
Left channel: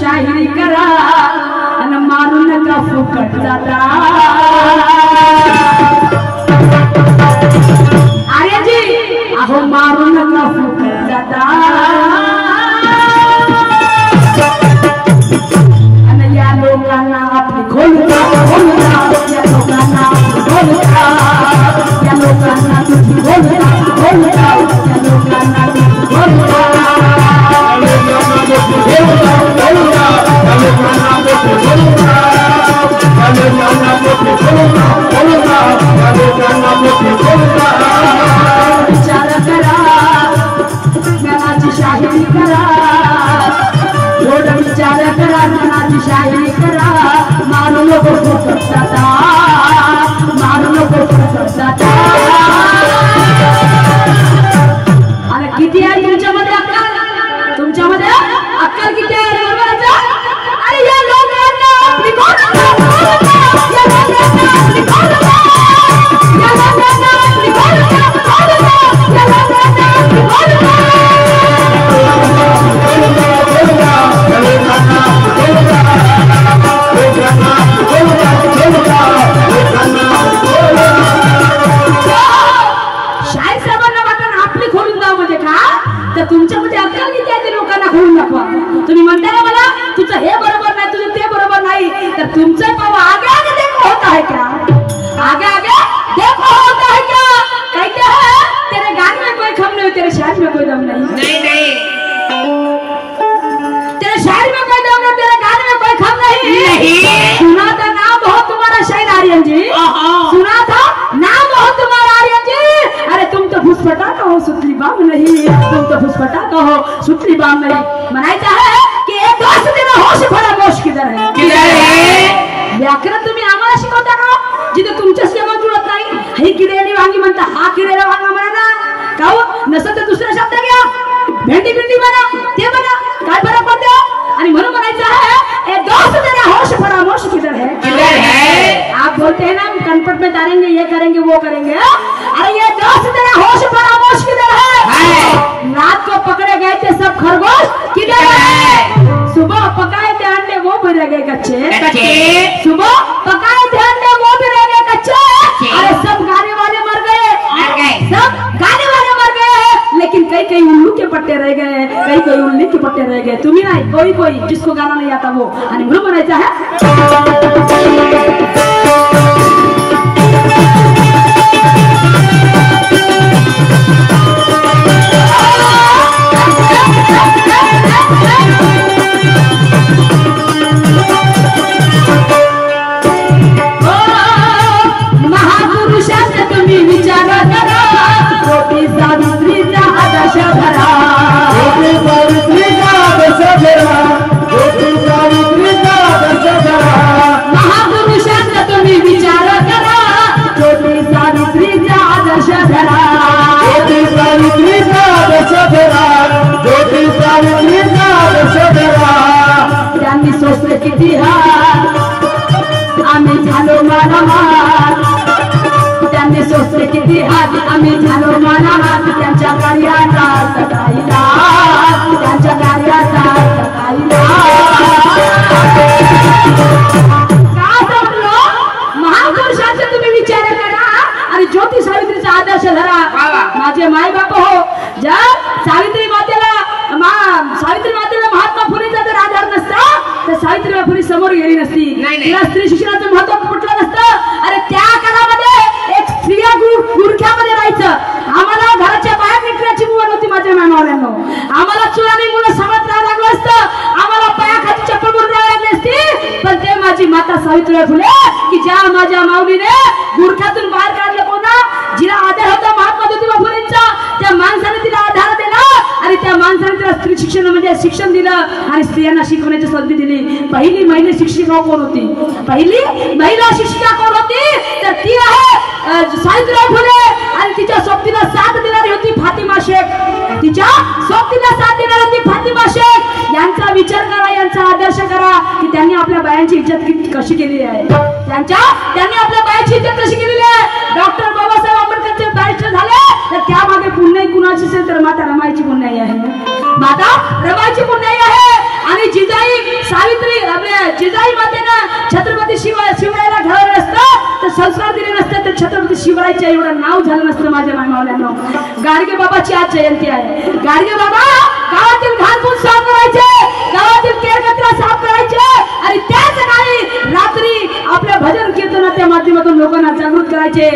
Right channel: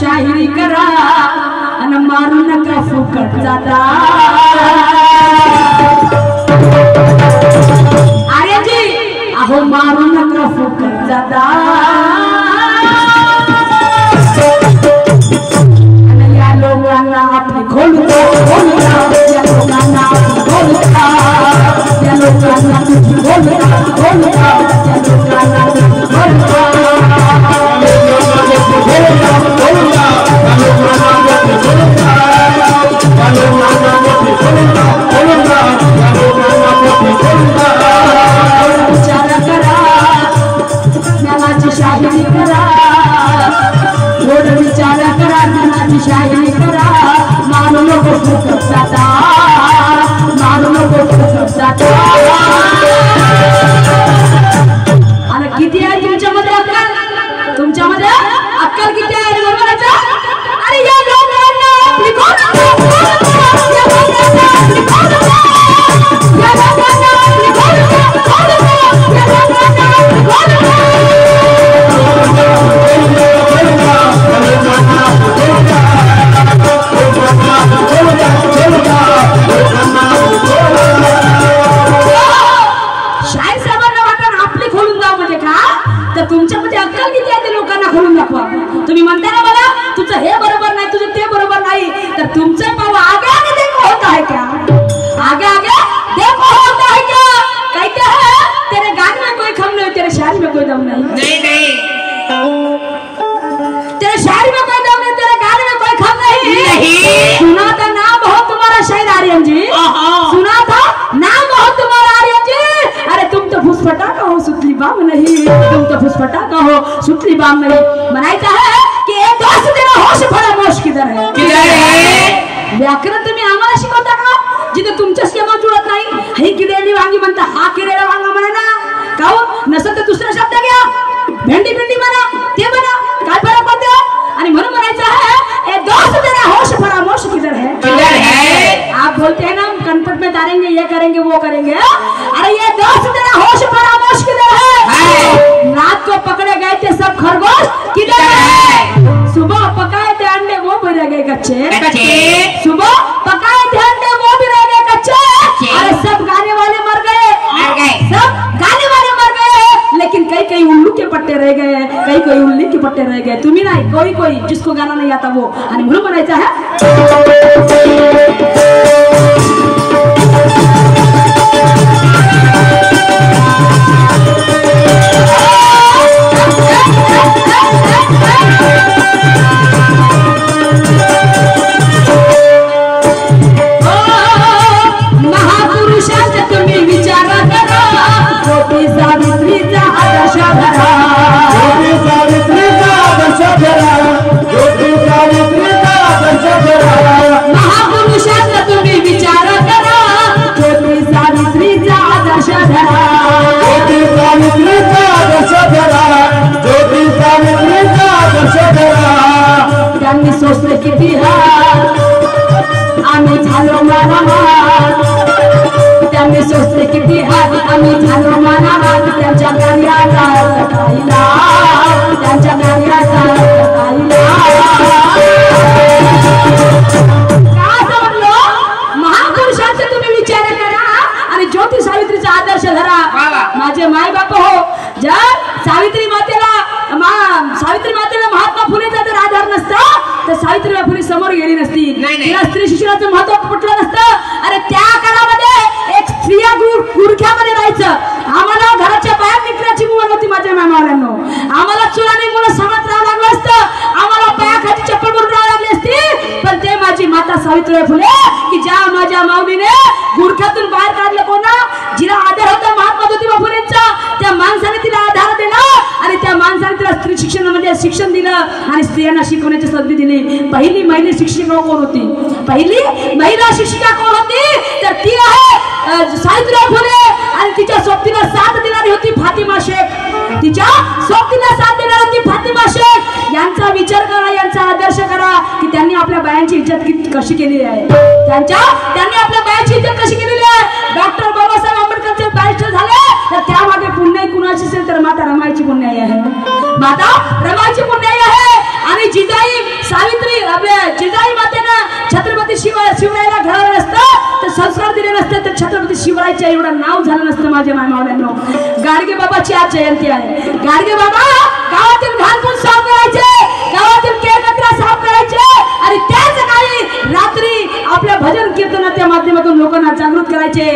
शाहिरी करा आणि मारू नका फुकट जाता. अरे जी अहो मारू नका फुकट जाता. आणि या लोकांना आपली खोलता या लोकांना आपली खोलता या लोकांना तुझी खोलता या लोकांना तुझी खोलता. विचार करा ज्ञानाची शाहिरी करा, थोडं विचार करा ज्ञानाची शाहिरी करा. मारू नको फुकट जाता, मारू नको फुकट जाता. आणि किती आहे तुमच्यामध्ये अक्कल, तुमच्यामध्ये अक्कल किती आहे बरोबरचा. अरे या लोकांना आपली खोलता, या लोकांना आपली खोलता, या लोकांना आपली खोलता, या लोकांना आपली खोलता. शाहीर साहेबांना वाटण आपली खोलून द्या म्हणजे का, तर तुमच्यामध्ये अक्कल किती आहे ते लोकांना खोलून दाखवा. तुम्ही म्हणता ना मला तुझं हे बरोबर नाही, तुझं ते बरोबर नाही, तर तुमचं पाव आगे आगे देखो होता है क्या, आगे आगे देखो होता है क्या. कहते हैं तेरे गान में कोई खम नहीं, तेरे शायर में कोई दम नहीं. नहीं नहीं तेरे शायर में कोई दम नहीं, तेरे गान में कोई खम नहीं. नहीं सुना था नाम बहुत तुम्हारा शायर आर्यन जी, सुना था नाम बहुत तुम्हारा आर्यन जी. अरे तुम तो फुसफटा का हो सुतली बाम नहीं, तुम तो फुसफटा का हो सुतली बाम नहीं. म्हणायचं आहे की एक दोस्त देना होश भरा मोश किधर है, किधर है. व्याकरण तुम्ही आम्हाला शिकवता का जिथे तुमच्या सेवा जुळत नाही. ही किडेली वांगी म्हणता, हा किडेला वांगा म्हणा ना का हो. नसेल तर दुसरा शब्द घ्या, भेंडी भेंडी म्हणा, ते म्हणा, काय फरक पडतो. आणि म्हणून म्हणायचं आहे ए दोस्त देना होश भरा मोश किधर है, किधर है. आप बोलते हैं ना हम कनपट में डालेंगे, ये करेंगे वो करेंगे. अरे ये दोस्त देना होश भरा मोश किधर है. रात को पकड़े गए थे सब खरगोश किधर है. सुबह पकाए थे अंडे वो भी रह गए कच्चे, सुबह पकाए थे अंडे वो भी रह गए कच्चे. अरे सब गाने वाले मर गए, सब गाने वाले मर गए, लेकिन कई कई उल्लू के पट्टे रह गए, कई कई उल्ली के पट्टे रह गए. तुम्ही नाही, कोई कोई जिसको गाना नहीं आता वो. आणि म्हणून म्हणायचं आहे महापुरुषाचा तुम्ही विचार करा, रोटी सावित्रीचा आदर्श धरा, रोटी सावित्रीचा आदर्श धरा, रोटी सावित्रीचा आदर्श धरा. आदर्श धरा, ज्योती सावित्रीचा आदर्श धरा, ज्योती सावित्रीचा आदर्श धरा. त्यांनी सोसले किती हात, आम्ही झालो मानहात. त्यांनी सोसले किती हात, आम्ही झालो मानहात. त्यांच्या कार्याचा सकाळीला, त्यांच्या कार्याचा सकाळीला. काय समजलो? महापुरुषांचे तुम्ही विचार करा आणि ज्योती सावित्रीचा आदर्श धरा. माझे माय बाप हो, जर सावित्री मातेला महात्मा फुलेचा जर आधार नसता तर सावित्रीबाई फुले समोर गेली नसती. तिला स्त्री शिक्षणाचं महत्व पटलं नसतं. अरे त्या काळामध्ये एक स्त्रिया गुरख्यामध्ये राहायचं. आम्हाला घराच्या बाहेर निघण्याची मुलं नव्हती माझ्या मामावऱ्यांनो. आम्हाला चुरानी मुलं समज राहावं लागलं असतं. आम्हाला पायाखाली चप्पल भरून राहावं लागली असती. पण ते माझी माता सावित्रीबाई फुले की ज्या माझ्या माऊलीने गुरख्यातून बाहेर काढलं, कोणा जिला आधार होता महात्मा ज्योतिबा फुलेंचा, त्या माणसाने तिला आधार दिला आणि त्या माणसाने तिला स्त्री शिक्षणामध्ये शिक्षण दिलं आणि स्त्रियांना शिकवण्याची संधी दिली. पहिली महिला शिक्षिका कोण होती? पहिली महिला शिक्षिका कोण होती? तर ती आहे सावित्रीबाई फुले. आणि तिच्या सोबतीला साथ देणारी होती फातिमा शेख. तिच्या सोबतीला साथ देणारी होती फातिमा शेख. यांचा विचार करा, यांचा आदर्श करा की त्यांनी आपल्या बायांची इज्जत कशी केलेली आहे. त्यांनी आपल्या बायांची इज्जत कशी केलेली आहे. डॉक्टर बाबासाहेब आंबेडकरचे बॅरिस्टर झाले तर त्यामागे पुण्याई कुणाची असेल तर माता रमाईची पुण्याई आहे. माता रमाईची पुण्याई आहे. आणि जिजाई सावित्री आपल्या जिजाई मातेनं छत्रपती शिवरायाला घडवलं नसतं तर संस्कार दिले नसते तर छत्रपती शिवरायाच्या एवढं नाव झालं नसतं. माझ्या मामावऱ्यांनो, गाडगे बाबाची आज जयंती आहे. गाडगे बाबा गावातील घाणपूस साफ करायचे, गावातील केरकचरा साफ करायचे आणि त्याच काळी रात्री आपल्या भजन कीर्तनाच्या माध्यमातून लोकांना जागृत करायचे.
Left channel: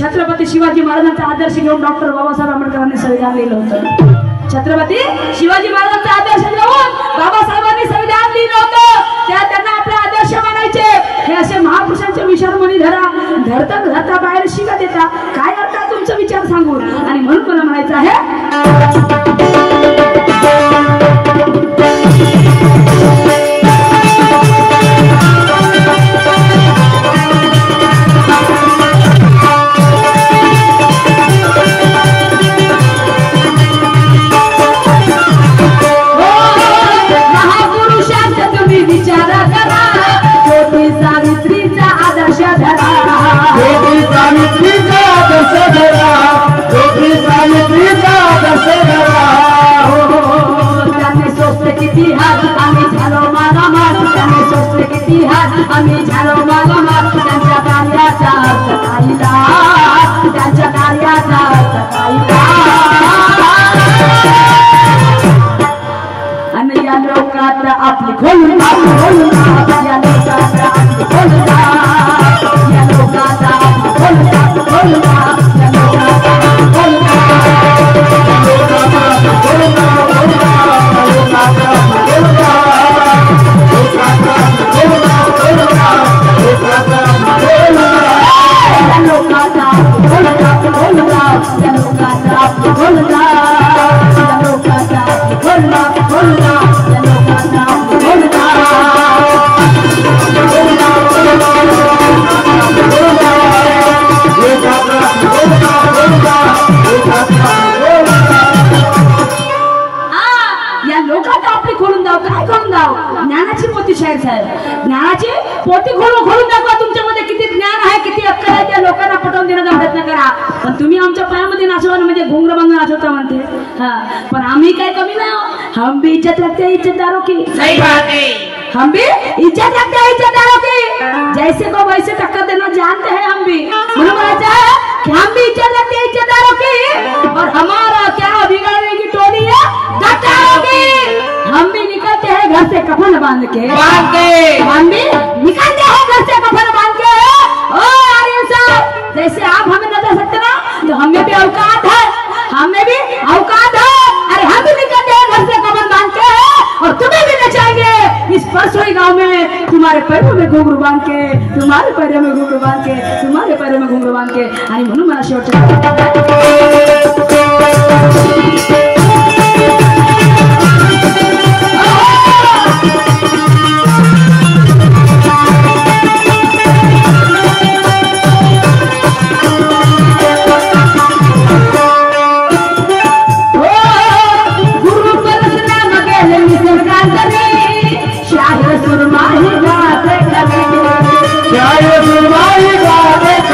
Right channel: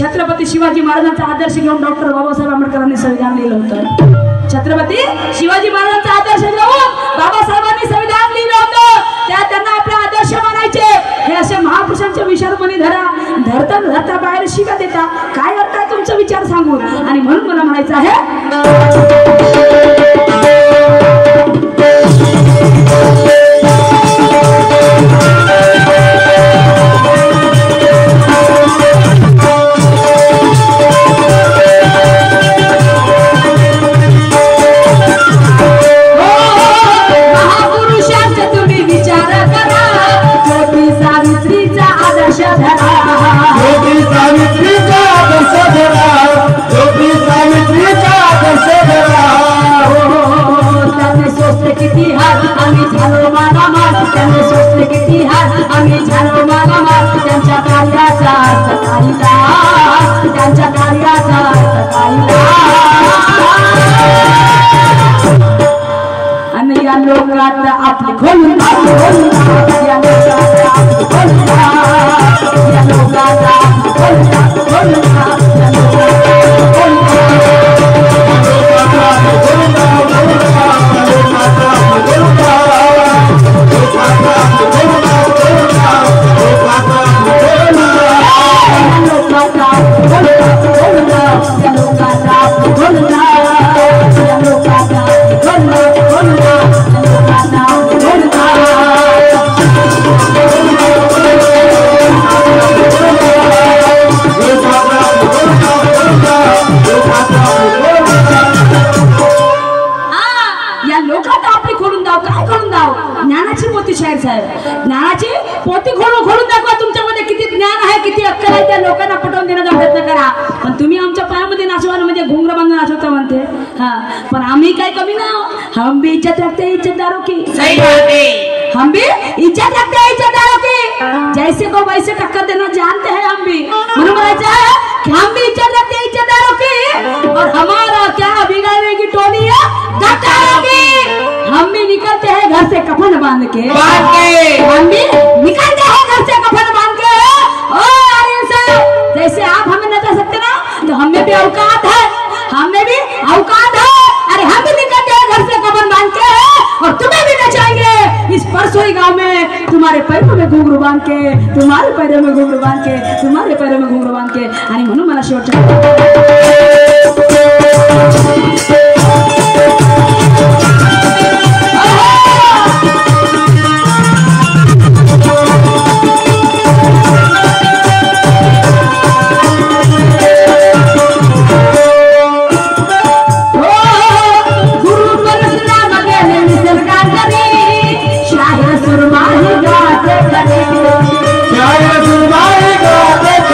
छत्रपती शिवाजी महाराजांचा आदर्श घेऊन डॉक्टर बाबासाहेब आंबेडकरांनी संविधान लिहिलं होतं. छत्रपती शिवाजी महाराजांचा आदर्श घेऊन बाबासाहेबांनी संविधान लिहिलं होतं. त्यांना आपले आदर्श मानायचे. हे असे महापुरुषांचे विचार मनी धरता बाहेर शिका देता. काय अर्थ आहे तुमचा विचार सांगून? आणि म्हणून मला म्हणायचं आहे किती हात, आम्ही झालो मागामात. त्यांनी सोसले किती हात, आम्ही झालो मागामात. त्यांच्या कार्याचा सकाळीला, त्यांच्या कार्याचा सकाळीला. आणि या लोकात आपली खोलून या लोकात आपली खोलून, या लोकात आपली खोलून या लोकात ज्ञानाची पोती खोलून दाखवा. तुमच्यामध्ये किती ज्ञान आहे, किती अक्कल आहे, त्या लोकांना पटवून देण्याचा प्रयत्न करा. पण तुम्ही आमच्या पायामध्ये नाचवा म्हणजे घुंगरं बांधून नाचवता म्हणते. पण आम्ही काय कमी ना, हम भी इज्जत रखते हैं इज्जतदारों की. सही बात है. हम भी इज्जत रखते हैं इज्जतदारों की. जैसे को वैसे टक्कर देना जानते हैं हम भी. मुझे बोला है कि हम भी इज्जत रखते हैं इज्जतदारों की और हमारा क्या बिगाड़ने की टोली है गद्दारों की. हम भी निकलते हैं घर से कफन बांध के, हम भी निकलते हैं घर से कफन बांध के. ओ आर्यन साहब, जैसे आप हमें नजर सकते ना, तो हमें भी औकात है, हमें भी औकात है. अरे हम भी निकलते हैं घर से कफन बांध के और तुम्हें भी नचाएंगे इस परसोई गांव में. तुम्हारे पैरों में घुंघरू बांध के, तुम्हारे पैरों में घुंघरू बांध के, तुम्हारे पैरों में घुंघरू बांध के. आणि म्हणून मला शेवटचं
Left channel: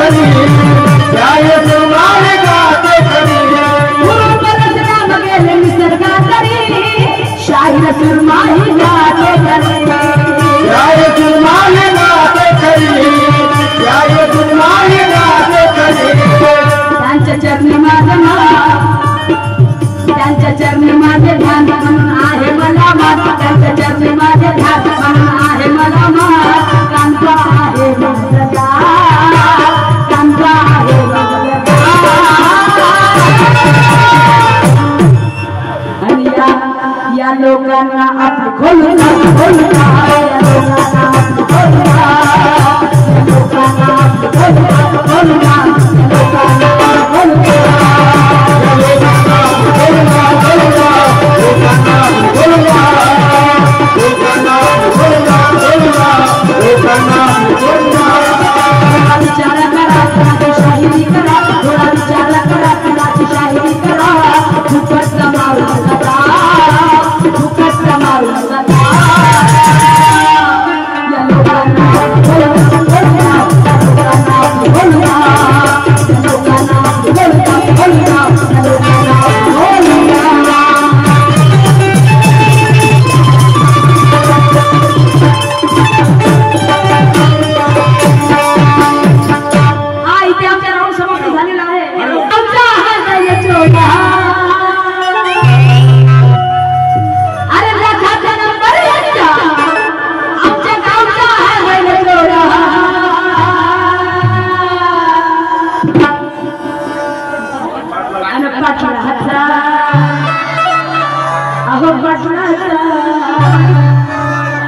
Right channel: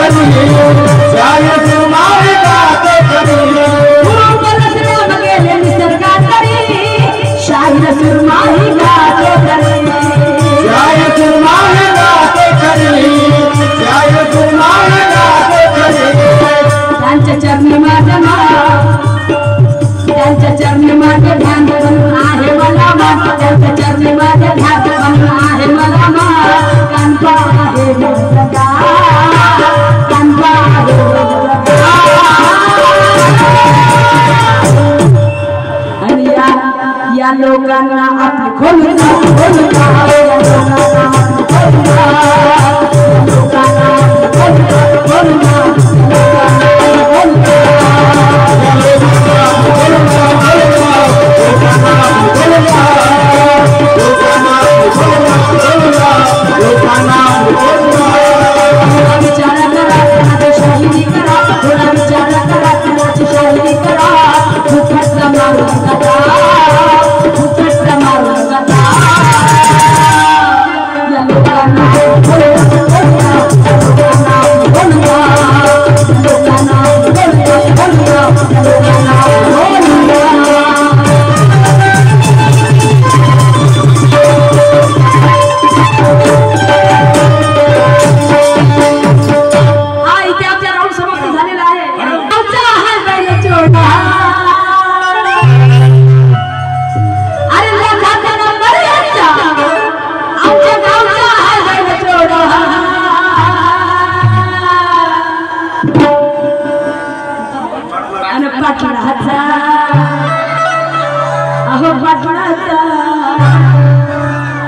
करी जाय सुरमाही गाते करी शाहीर सुरमाही गाते करी जाय सुरमाही गाते करी जाय सुरमाही गाते करी त्यांच्या चरणी माझे ध्यान म्हणून आहे मला मान त्यांच्या चरणी माझे ध्यान म्हणून आहे मला मान कांता आहे माझा कांता आहे आणि या लोकांना आपली खोलून या लोकांना आपली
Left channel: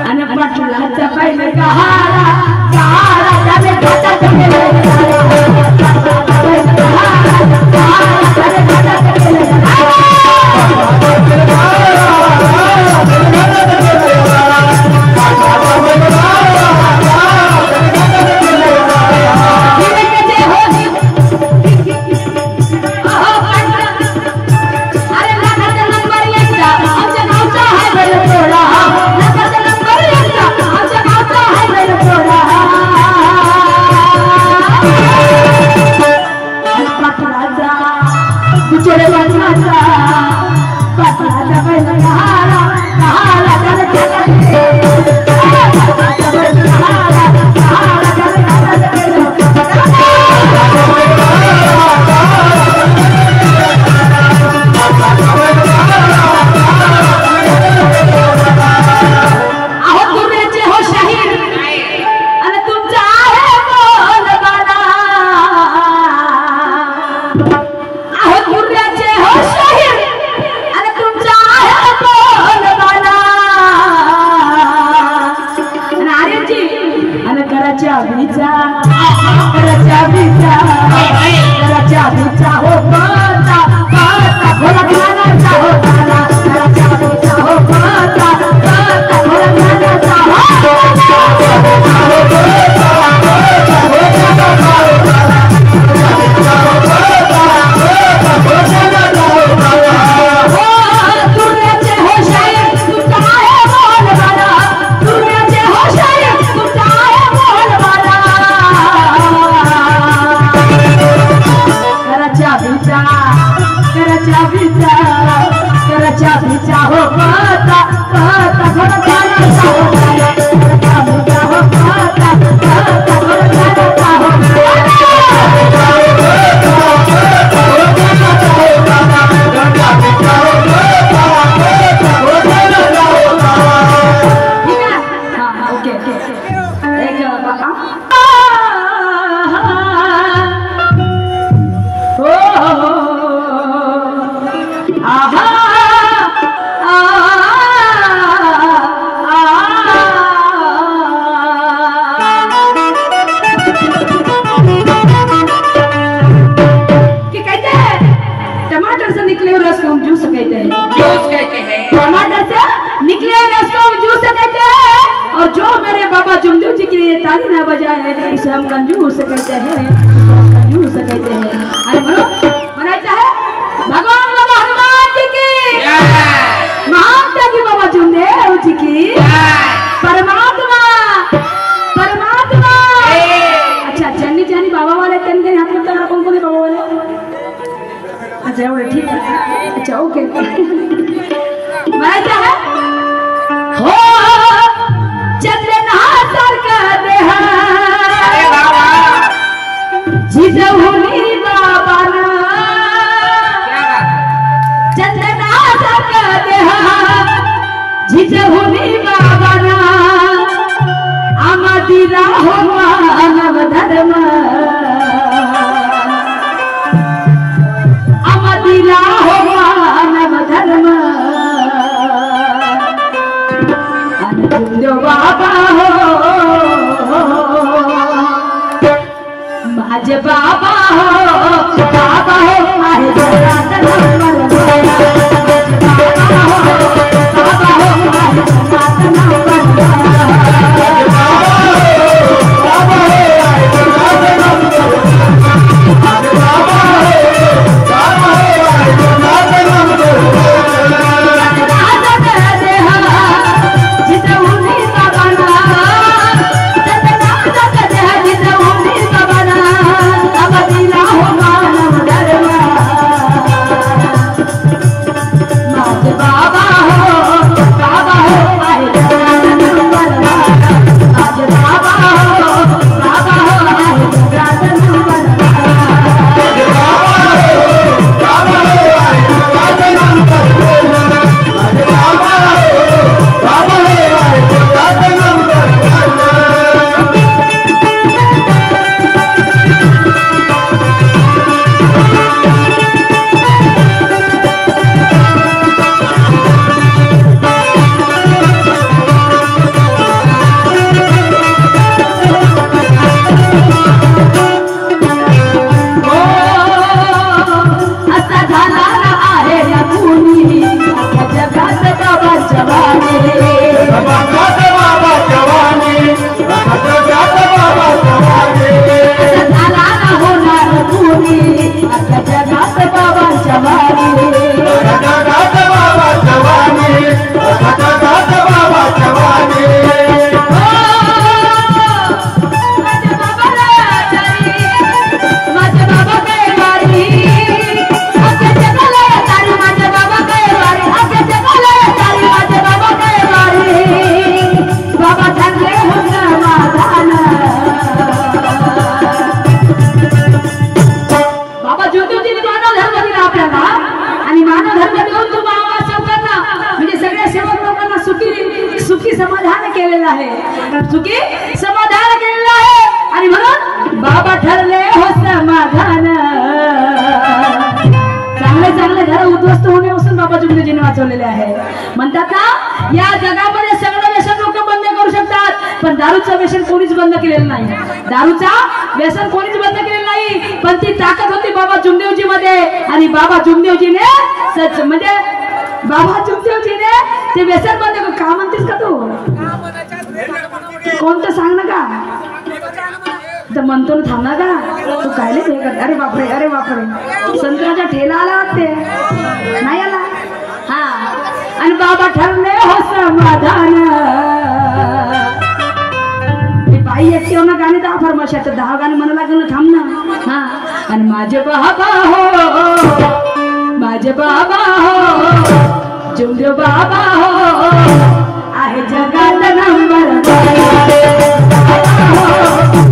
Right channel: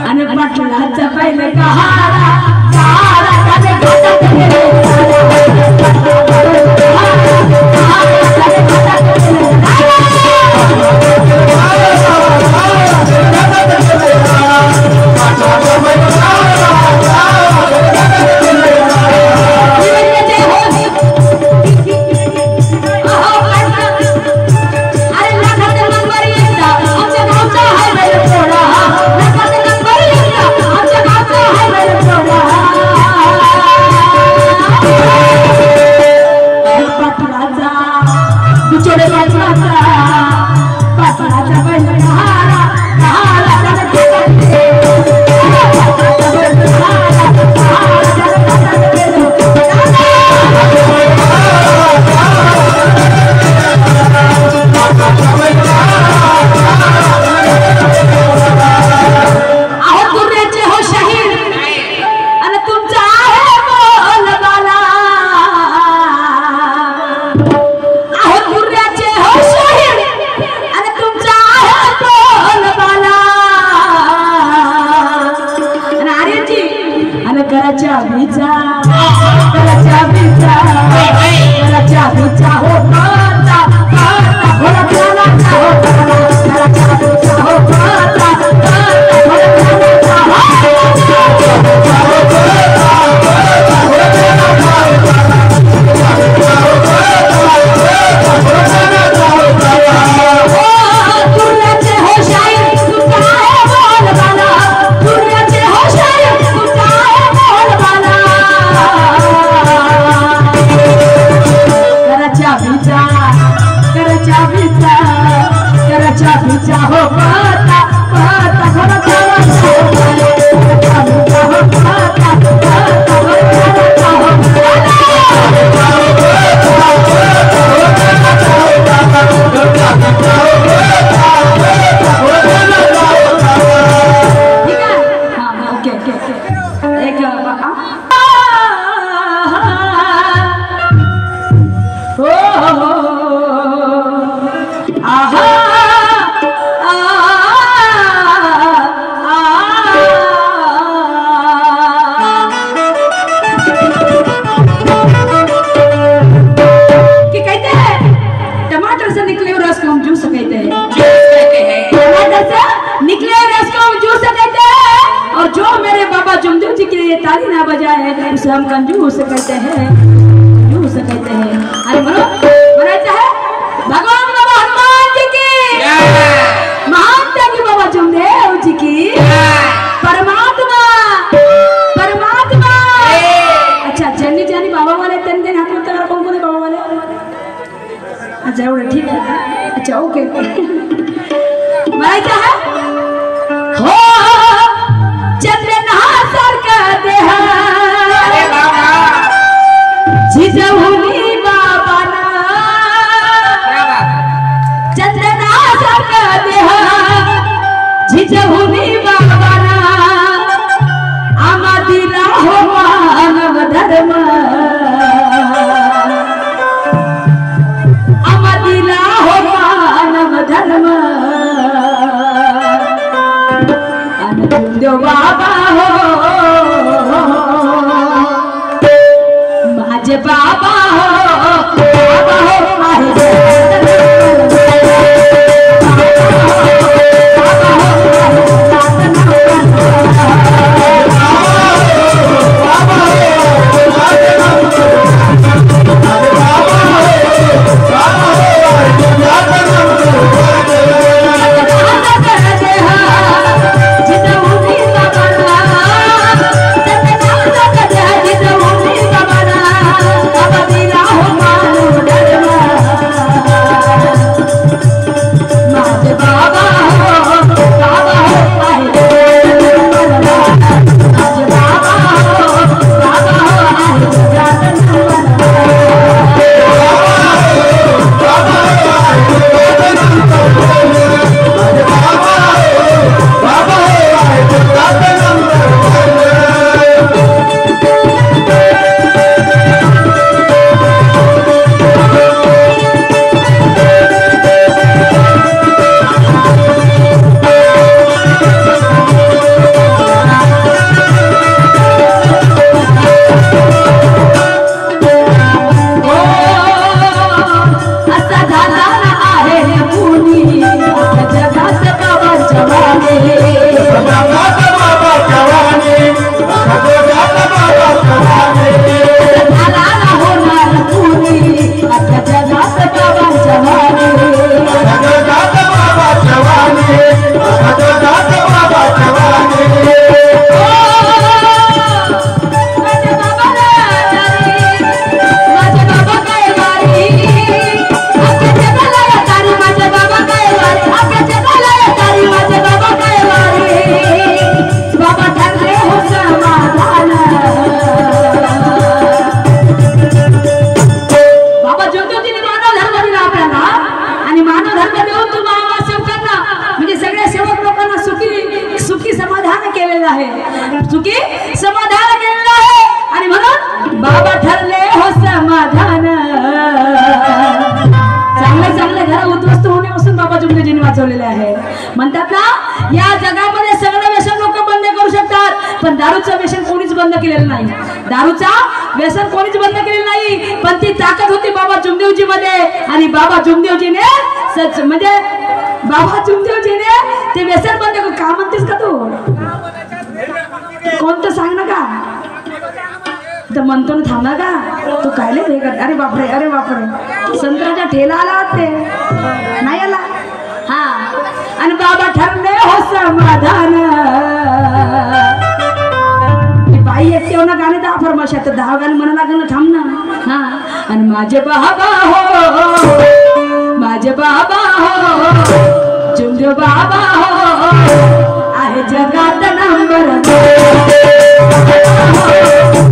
आणि पाटलाचा पहिले कहारा पाटलाचा पहिले कहारा हो पाता भोला खाना हो ताली ना बजाए उसे हम कंजूस कहते हैं, कंजूस कहते हैं। अरे बोलो बोला चाहे भगवान बाबा हनुमान जी की, महान त्यागी बाबा चुमदेव जी की, परमात्मा परमात्मा। अच्छा जानी जानी बाबा वाले बाबावाले त्यांनी हात उचलला, कोण कोण आहे बाबावाले? अच्छा एवढं, ठीक आहे, अच्छा ओके. म्हणायचं आहे हो चंद्रनासारखा देह जिजवुनी बाबाना, चंद्रनासारखा देह जिजवुनी बाबाना, आम्हा दिला हो मानव धर्म, आम्हा दिला हो मानव धर्म, देव बाबा हो माझे बाबा हो, बाबा हो आहे जगात नंबर सुखी समाधान केलेलं आहे आणि म्हणून बाबा ठरले हो समाधान. चांगले चांगले घर उद्ध्वस्त होण्यापासून बाबा जुमदेवजींनी वाचवलेले आहे. म्हणतात ना या जगामध्ये सगळं व्यसन लोक बंद करू शकतात, पण दारूचं व्यसन कोणीच बंद केलेलं नाही. दारूचा व्यसन कोणीच बंद केलेलं नाही, पण ती ताकद होती बाबा जुमदेवजी मध्ये. आणि बाबा जुमदेवजीने सच म्हणजे बाबा जुमदेवजीने ते व्यसन बंद करू. का म्हणतेस का तू? कोणतं सांग ना का तर म्हणतो ना, थांब ना का तू काय नाही कर. अरे बापरे, अरे बापरे, संत्राचा ठेला आला ते नाही आला. हा आणि बाबा ठरले हो समाधान. बाई एकटे ना गाणे 10 फरमाशा तर 10 गाणे म्हणा लागेल ना, थांब ना. हा आणि माझे बाबा हो, माझे बाबा हो, जुमदेव बाबा हो आहे जगात नंबर.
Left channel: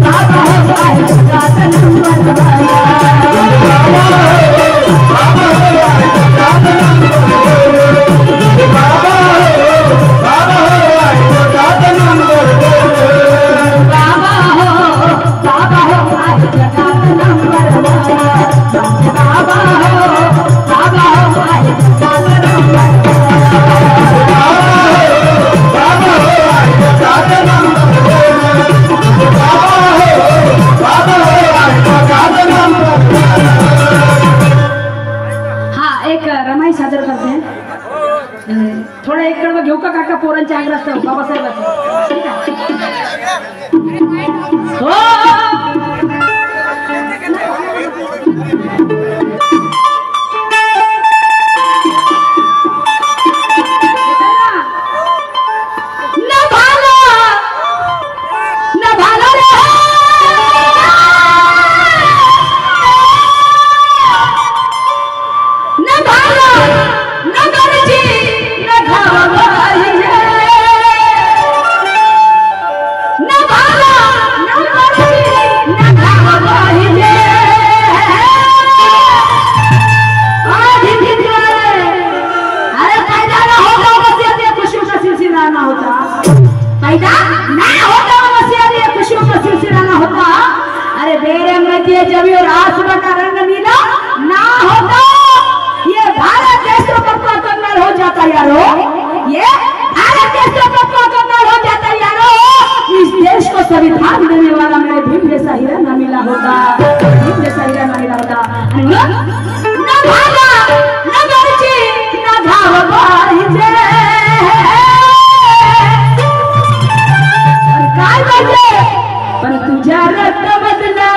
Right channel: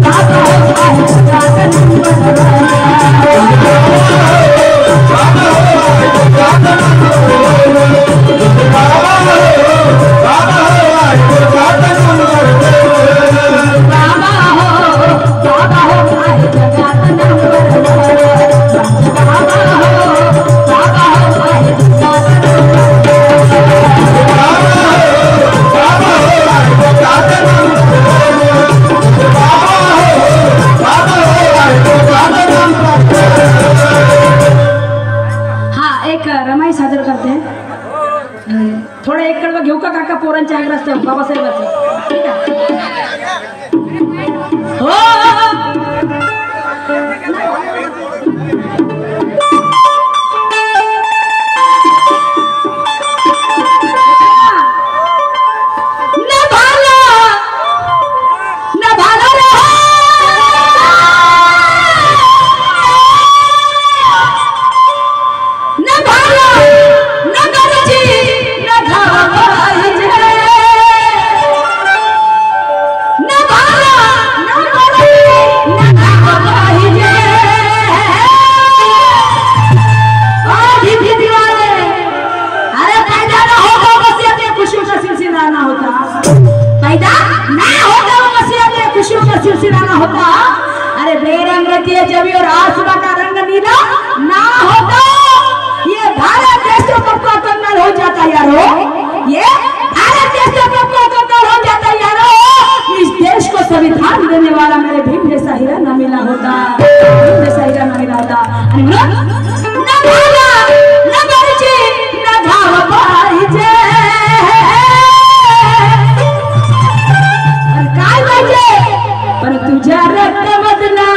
बाबा हो आहे जगात नंबर. थोडा एक कडवा घेऊ का काका पोरांच्या आग्रह बाबासाहेबाचं? ठीक आहे हो. कहती है जब और आसमां का रंग नीला ना होता ये भारत देश तो कब कंगाल हो जाता यारो, ये भारत देश तो कब कंगाल हो जाता यारो। इस देश को संविधान देने वाला मेरे भीम जैसा हीरा न मिला होता, भीम जैसा हीरा न मिला होता। न भाला न मर्जी न घाव पाहिजे और काय पाहिजे पण तुझ्या रक्त बदला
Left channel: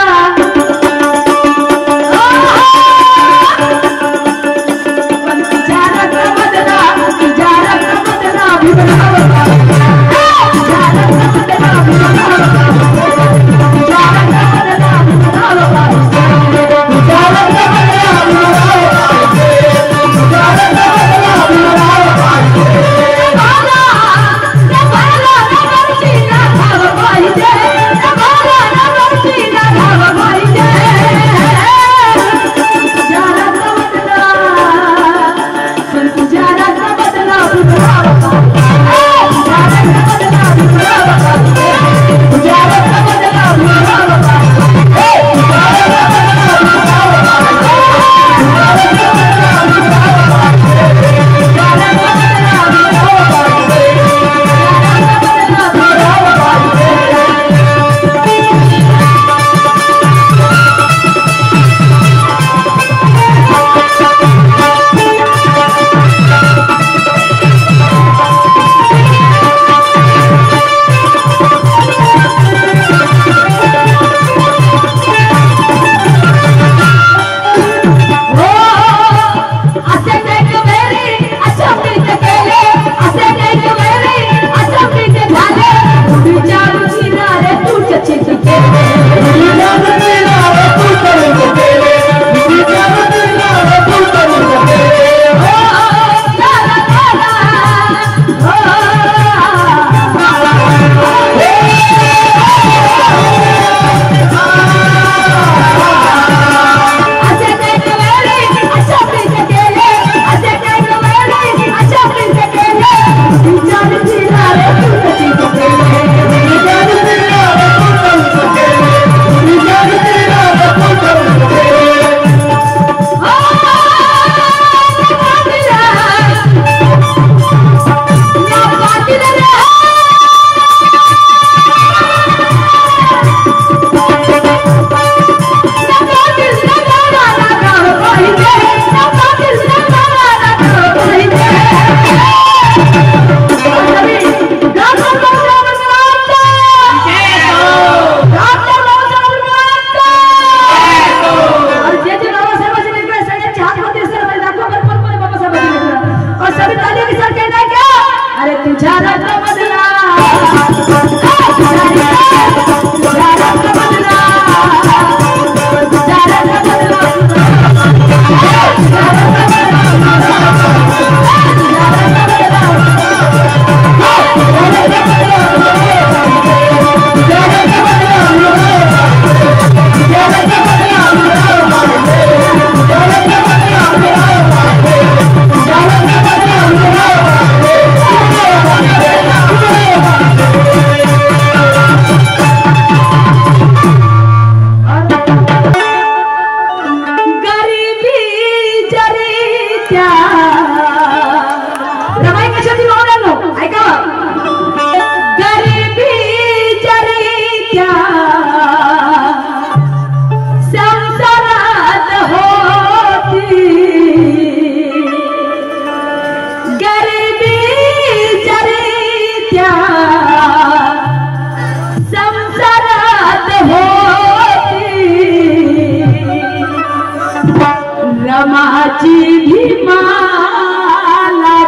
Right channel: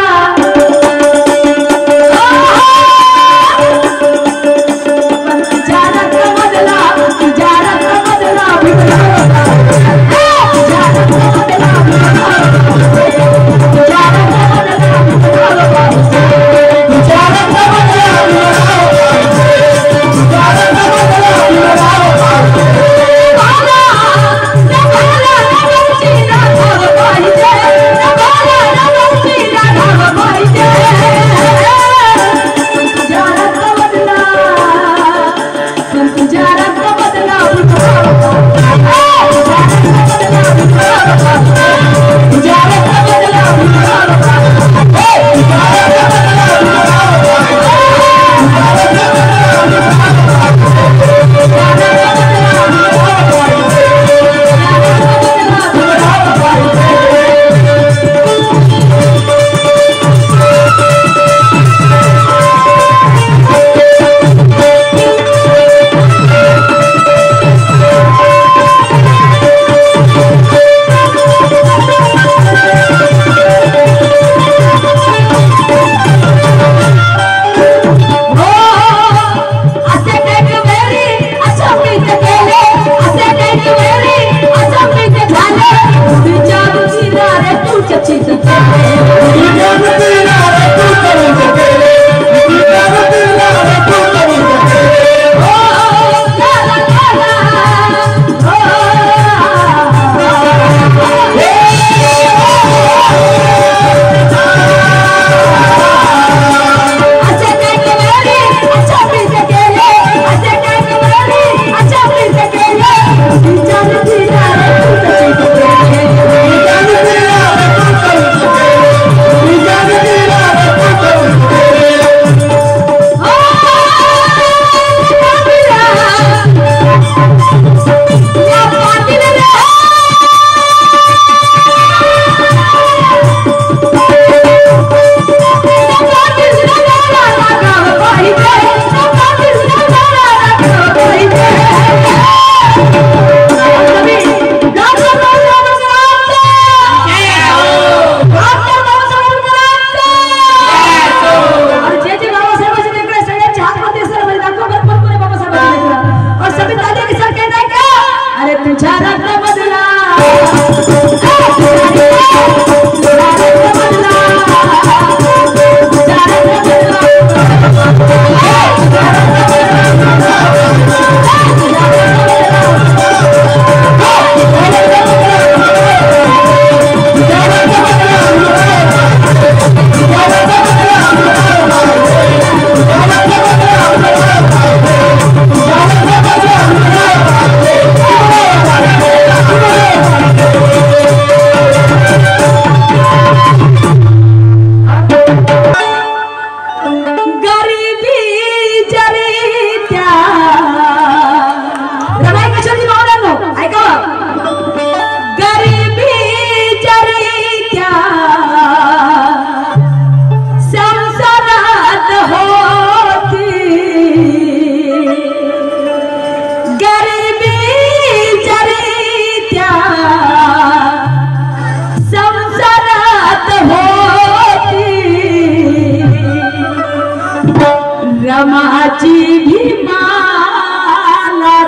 रमाची भीमाला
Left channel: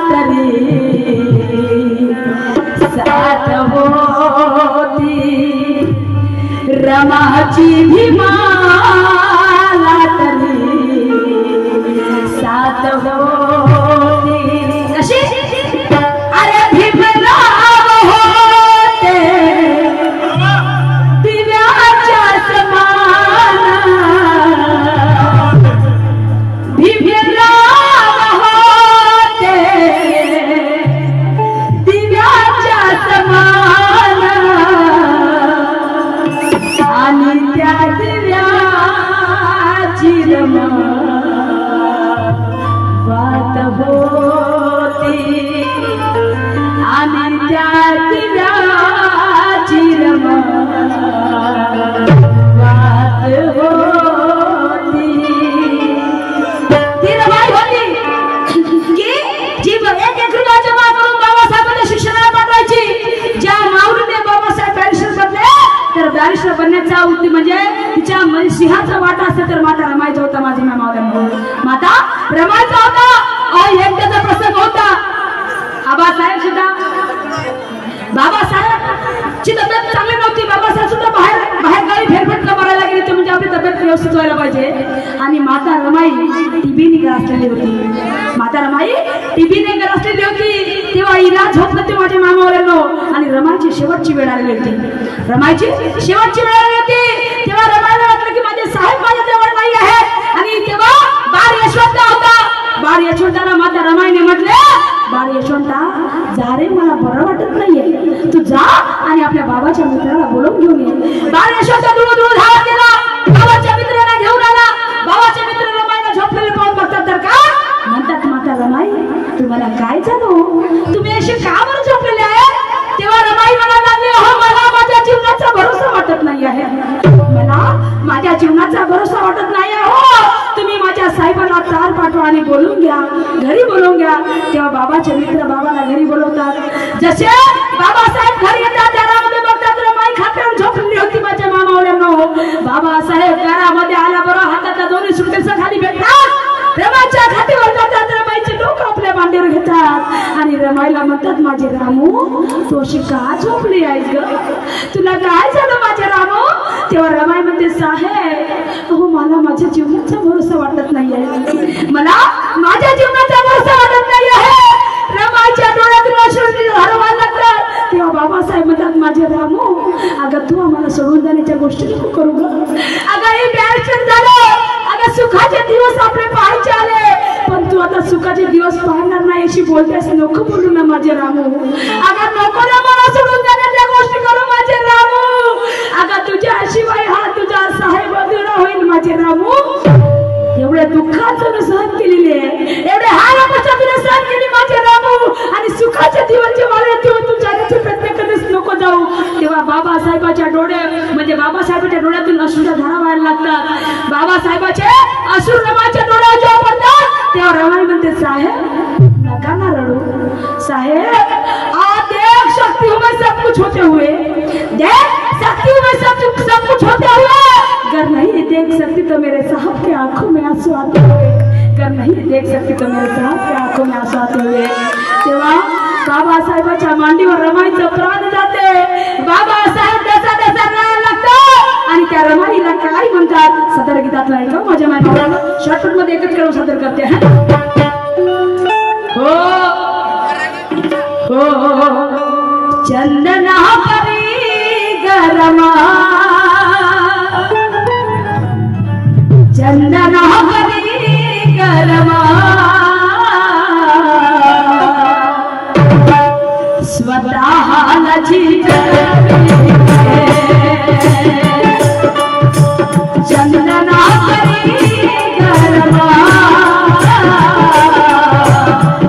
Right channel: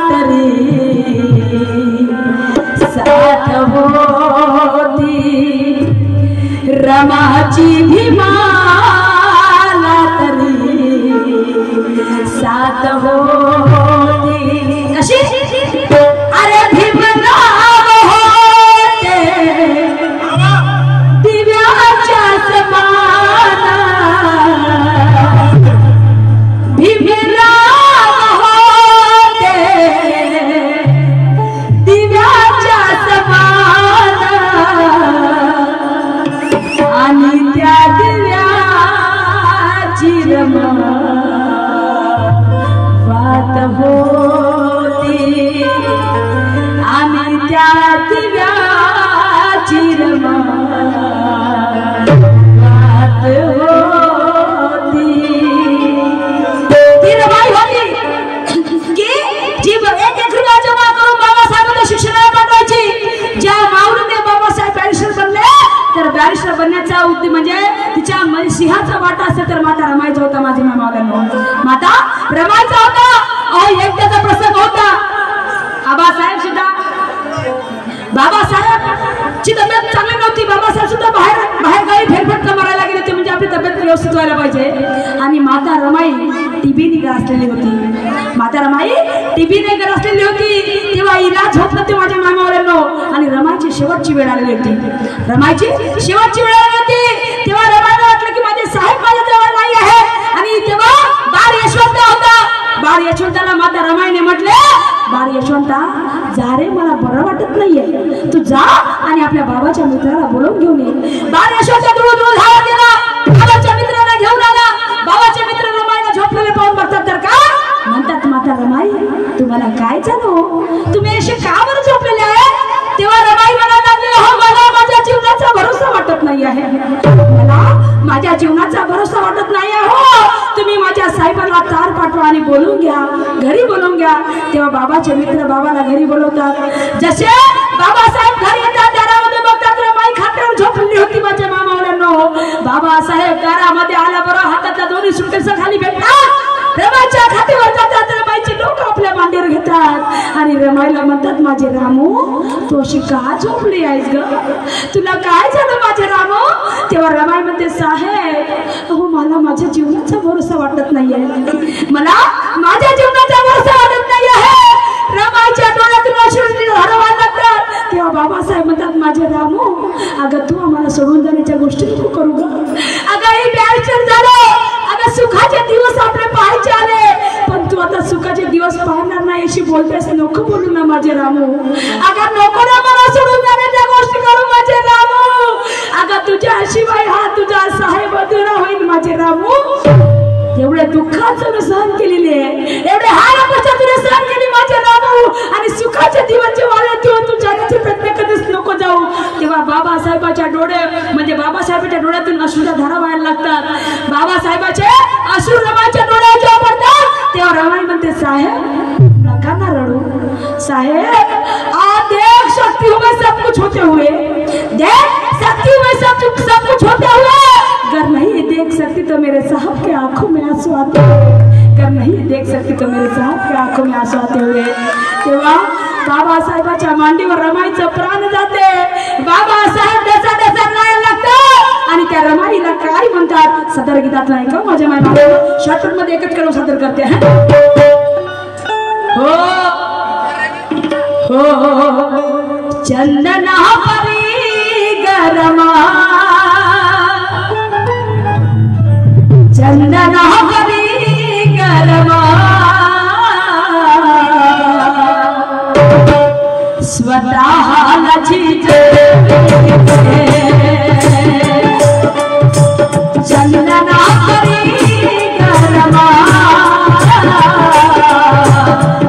तरी साथ होती, रमाची भीमाला तरी साथ होती। कशी अरे भीमराव होते दिव्याच्या सपाना, भीमराव होते दिव्याच्या सपाना आणि त्या दिव्या असं तर माता रमायचा होता माझी मामाला माता रमायचा होता आणि एक त्याचा प्रसंग होता आबासाहेब सुद्धा बाबासाहेब ची तब्येत चांगली नव्हती बाबासाहेब सुद्धा बाहेर गावी फेरफटका मारायला गेले ते म्हणजे आपली तब्येत व्यवस्थित व्हायला पाहिजे आणि माता रमाई टीबीने ग्रासलेली होती माता रमाई टीबीने ग्रासलेली होती तेव्हा इलाज होत नव्हते माझ्या मामावऱ्यांनो आणि रमाईची शेवटची वेळ आलेली होती रमाईची शेवटची वेळ आली होती तेव्हा रमाईला वाटलं की माझे साहेब माझ्या जवळ नाही आहे आणि तेव्हा बाळ यशवंत होता बाळ यशवंताला माता रमाईने म्हटले बाळ यशवंता जा रे मला बरं वाटत नाहीये तू जा आणि आपल्या बाबाच्या मित्राला बोलवून घेऊन ये बाळ यशवंत दूर धावत गेला बाबाच्या मित्राला घेऊन आला बाबाचे मित्र रमाईला झोपलेले पाहून बघतात तर का म्हणतात माता रमाई तुम्हाला काय झालं तुम्ही असे का बरं झोपलेले आहे तेव्हा रमाई म्हणायला लागली हो मला माझ्या जीवनाचा भरोसा वाटत नाही आहे मला माझ्या जीवनाचा भरोसा वाटत नाही आहे हो तुम्ही माझ्या साहेबांना तार पाठवा आणि बोलून घ्या घरी बोलवून घ्या तेव्हा बाबाचे मित्र बाबाला घरी बोलवतात जसे बाबासाहेब घरी येतात दारामध्ये बघतात रमाई खात्यावर झोपलेली होती माझ्या मामावऱ्यांनो बाबासाहेब दारामध्ये आल्याबरोबर हातातल्या दोन्ही सुटकेस खाली भेटतात रमाईच्या खात्यावर जातात रमाईचे लोक आपल्या मांडीवर घेतात आणि रमाईला म्हणतात माझे रामू तू अशी का झोपली आहेस ग तुला काय झालं माझे रामू तेव्हा रमाई म्हणते साहेब हो मला माझ्या जीवनाचा भरोसा वाटत नाहीये मला माझ्या जीवनाचा भरोसा वाटत नाही आहे रमाईच्या डोळ्यातून अश्रू हरवायला लागतात तेव्हा बाबासाहेब म्हणतात माझे रामू अगं तू आम्हाला सोडून जाण्याच्या गोष्टी नको करू ग अगं हे बॅलचर झालं अगं सुखाचे दिवस आपले पाहायचे आले पण तू आता सुखाचे दिवस पाहणार नाही अशी बोलतेस नको बोलू ना माझे रामू अगं नको ना मला सोडून जाण्याच्या गोष्टी करू माझे रामू अगं तुझ्या शिवाय हा तुझा साहेब अधुरा होईल माझे रामू एवढ्या दुःखाचं सहन केलेले एवढे हाल तुला सहन केली माझे रामू आणि सुखाचे दिवस जेव्हा तेव्हा तू जगाचे प्रयत्न कधीच नको जाऊ तेव्हा बाबासाहेबाच्या म्हणजे बाबासाहेबाच्या डोळ्यातून अश्रूच्या धारा व्हायला लागतात बाबासाहेबाचे अश्रू रमाईच्या डोळ्यात जेव्हा पडतात तेव्हा रमाई म्हणते साहेब नका ना रडू साहेब देख शक्ति में सब कुछ होते हुए देख शक्ति में सब कुछ होते हुए अगर नहीं देख सकती तो मेरे साहब के आंखों में आंसू आते हुए अगर नहीं देख सकती तो मेरे साहब के आंखों में आंसू आते हुए तेव्हा बाबासाहेबाच्या मांडीवर रमाईचं प्राण जाते बाबासाहेब त्याचा रडायला लागतात आणि त्या रमाईला काय म्हणतात सदर गीतात नाही का माझ्या मायबाबाला शॉर्टकट मध्ये एकच करून सादर करते हो हो चंदना परी गरमा चंदना परी गरमा स्वतः लजी चंदना परी गरमा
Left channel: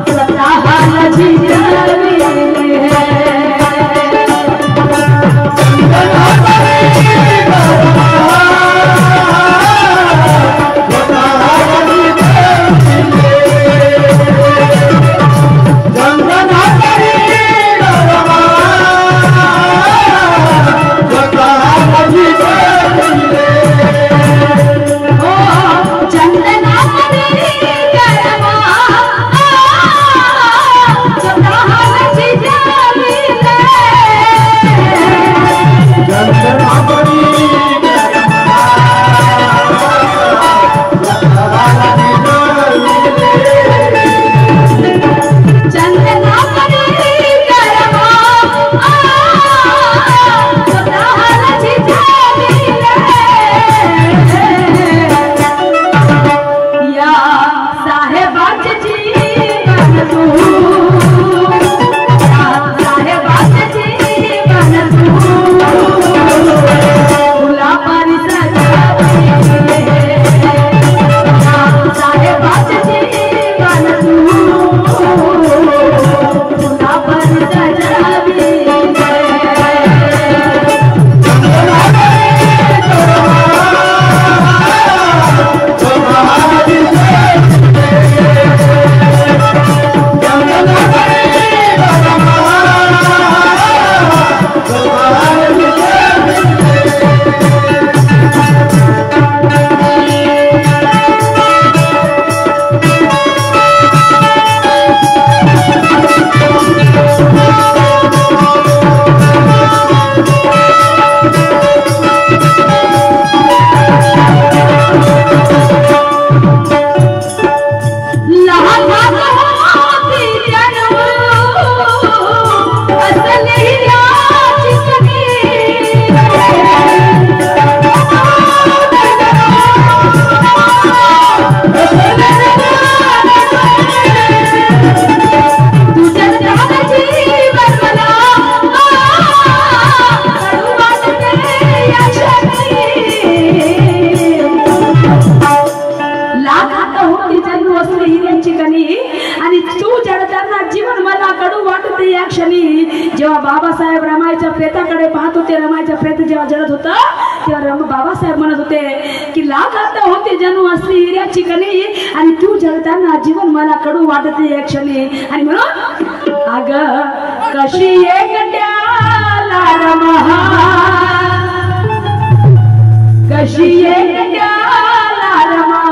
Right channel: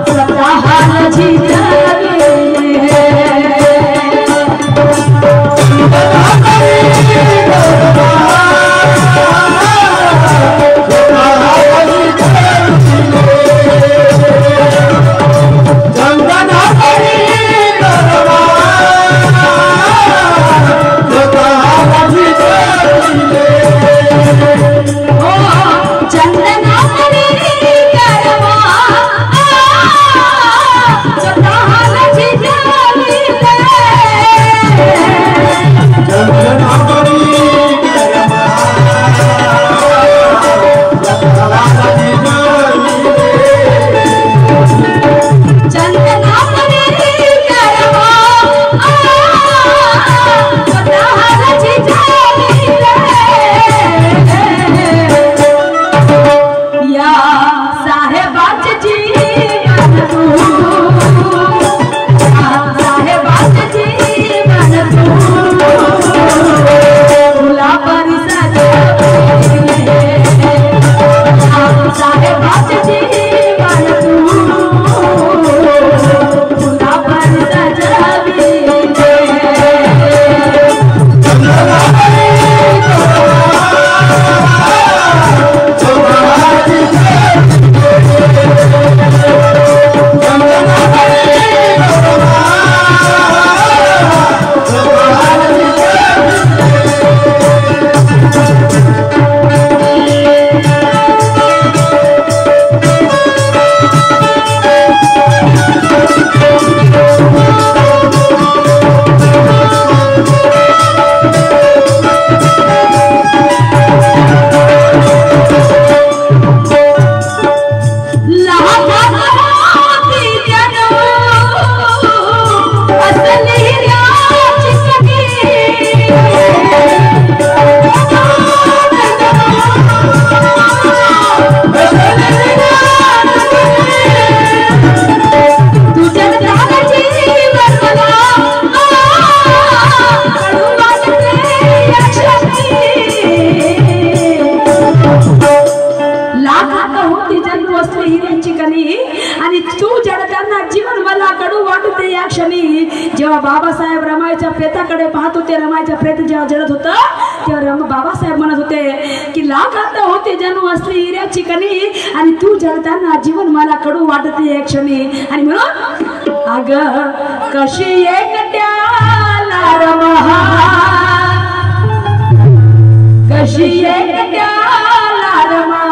स्वतः लजी चंदना लाख आता होती जन्म असली हिऱ्याची कणी आणि तू जडताना जीवन मला कडू वाटते या क्षणी. जेव्हा बाबासाहेब रमाईच्या प्रेताकडे पाहत होते, रमाईच्या प्रेत जेव्हा जळत होतं तेव्हा बाबासाहेब म्हणत होते की लाख आता होती जन्म असली हिऱ्याची कणी आणि तू जळताना जीवन मला कडू वाटते या क्षणी. आणि म्हणून अग कशी एकट्याला रमा, कशी एकट्याला रमा.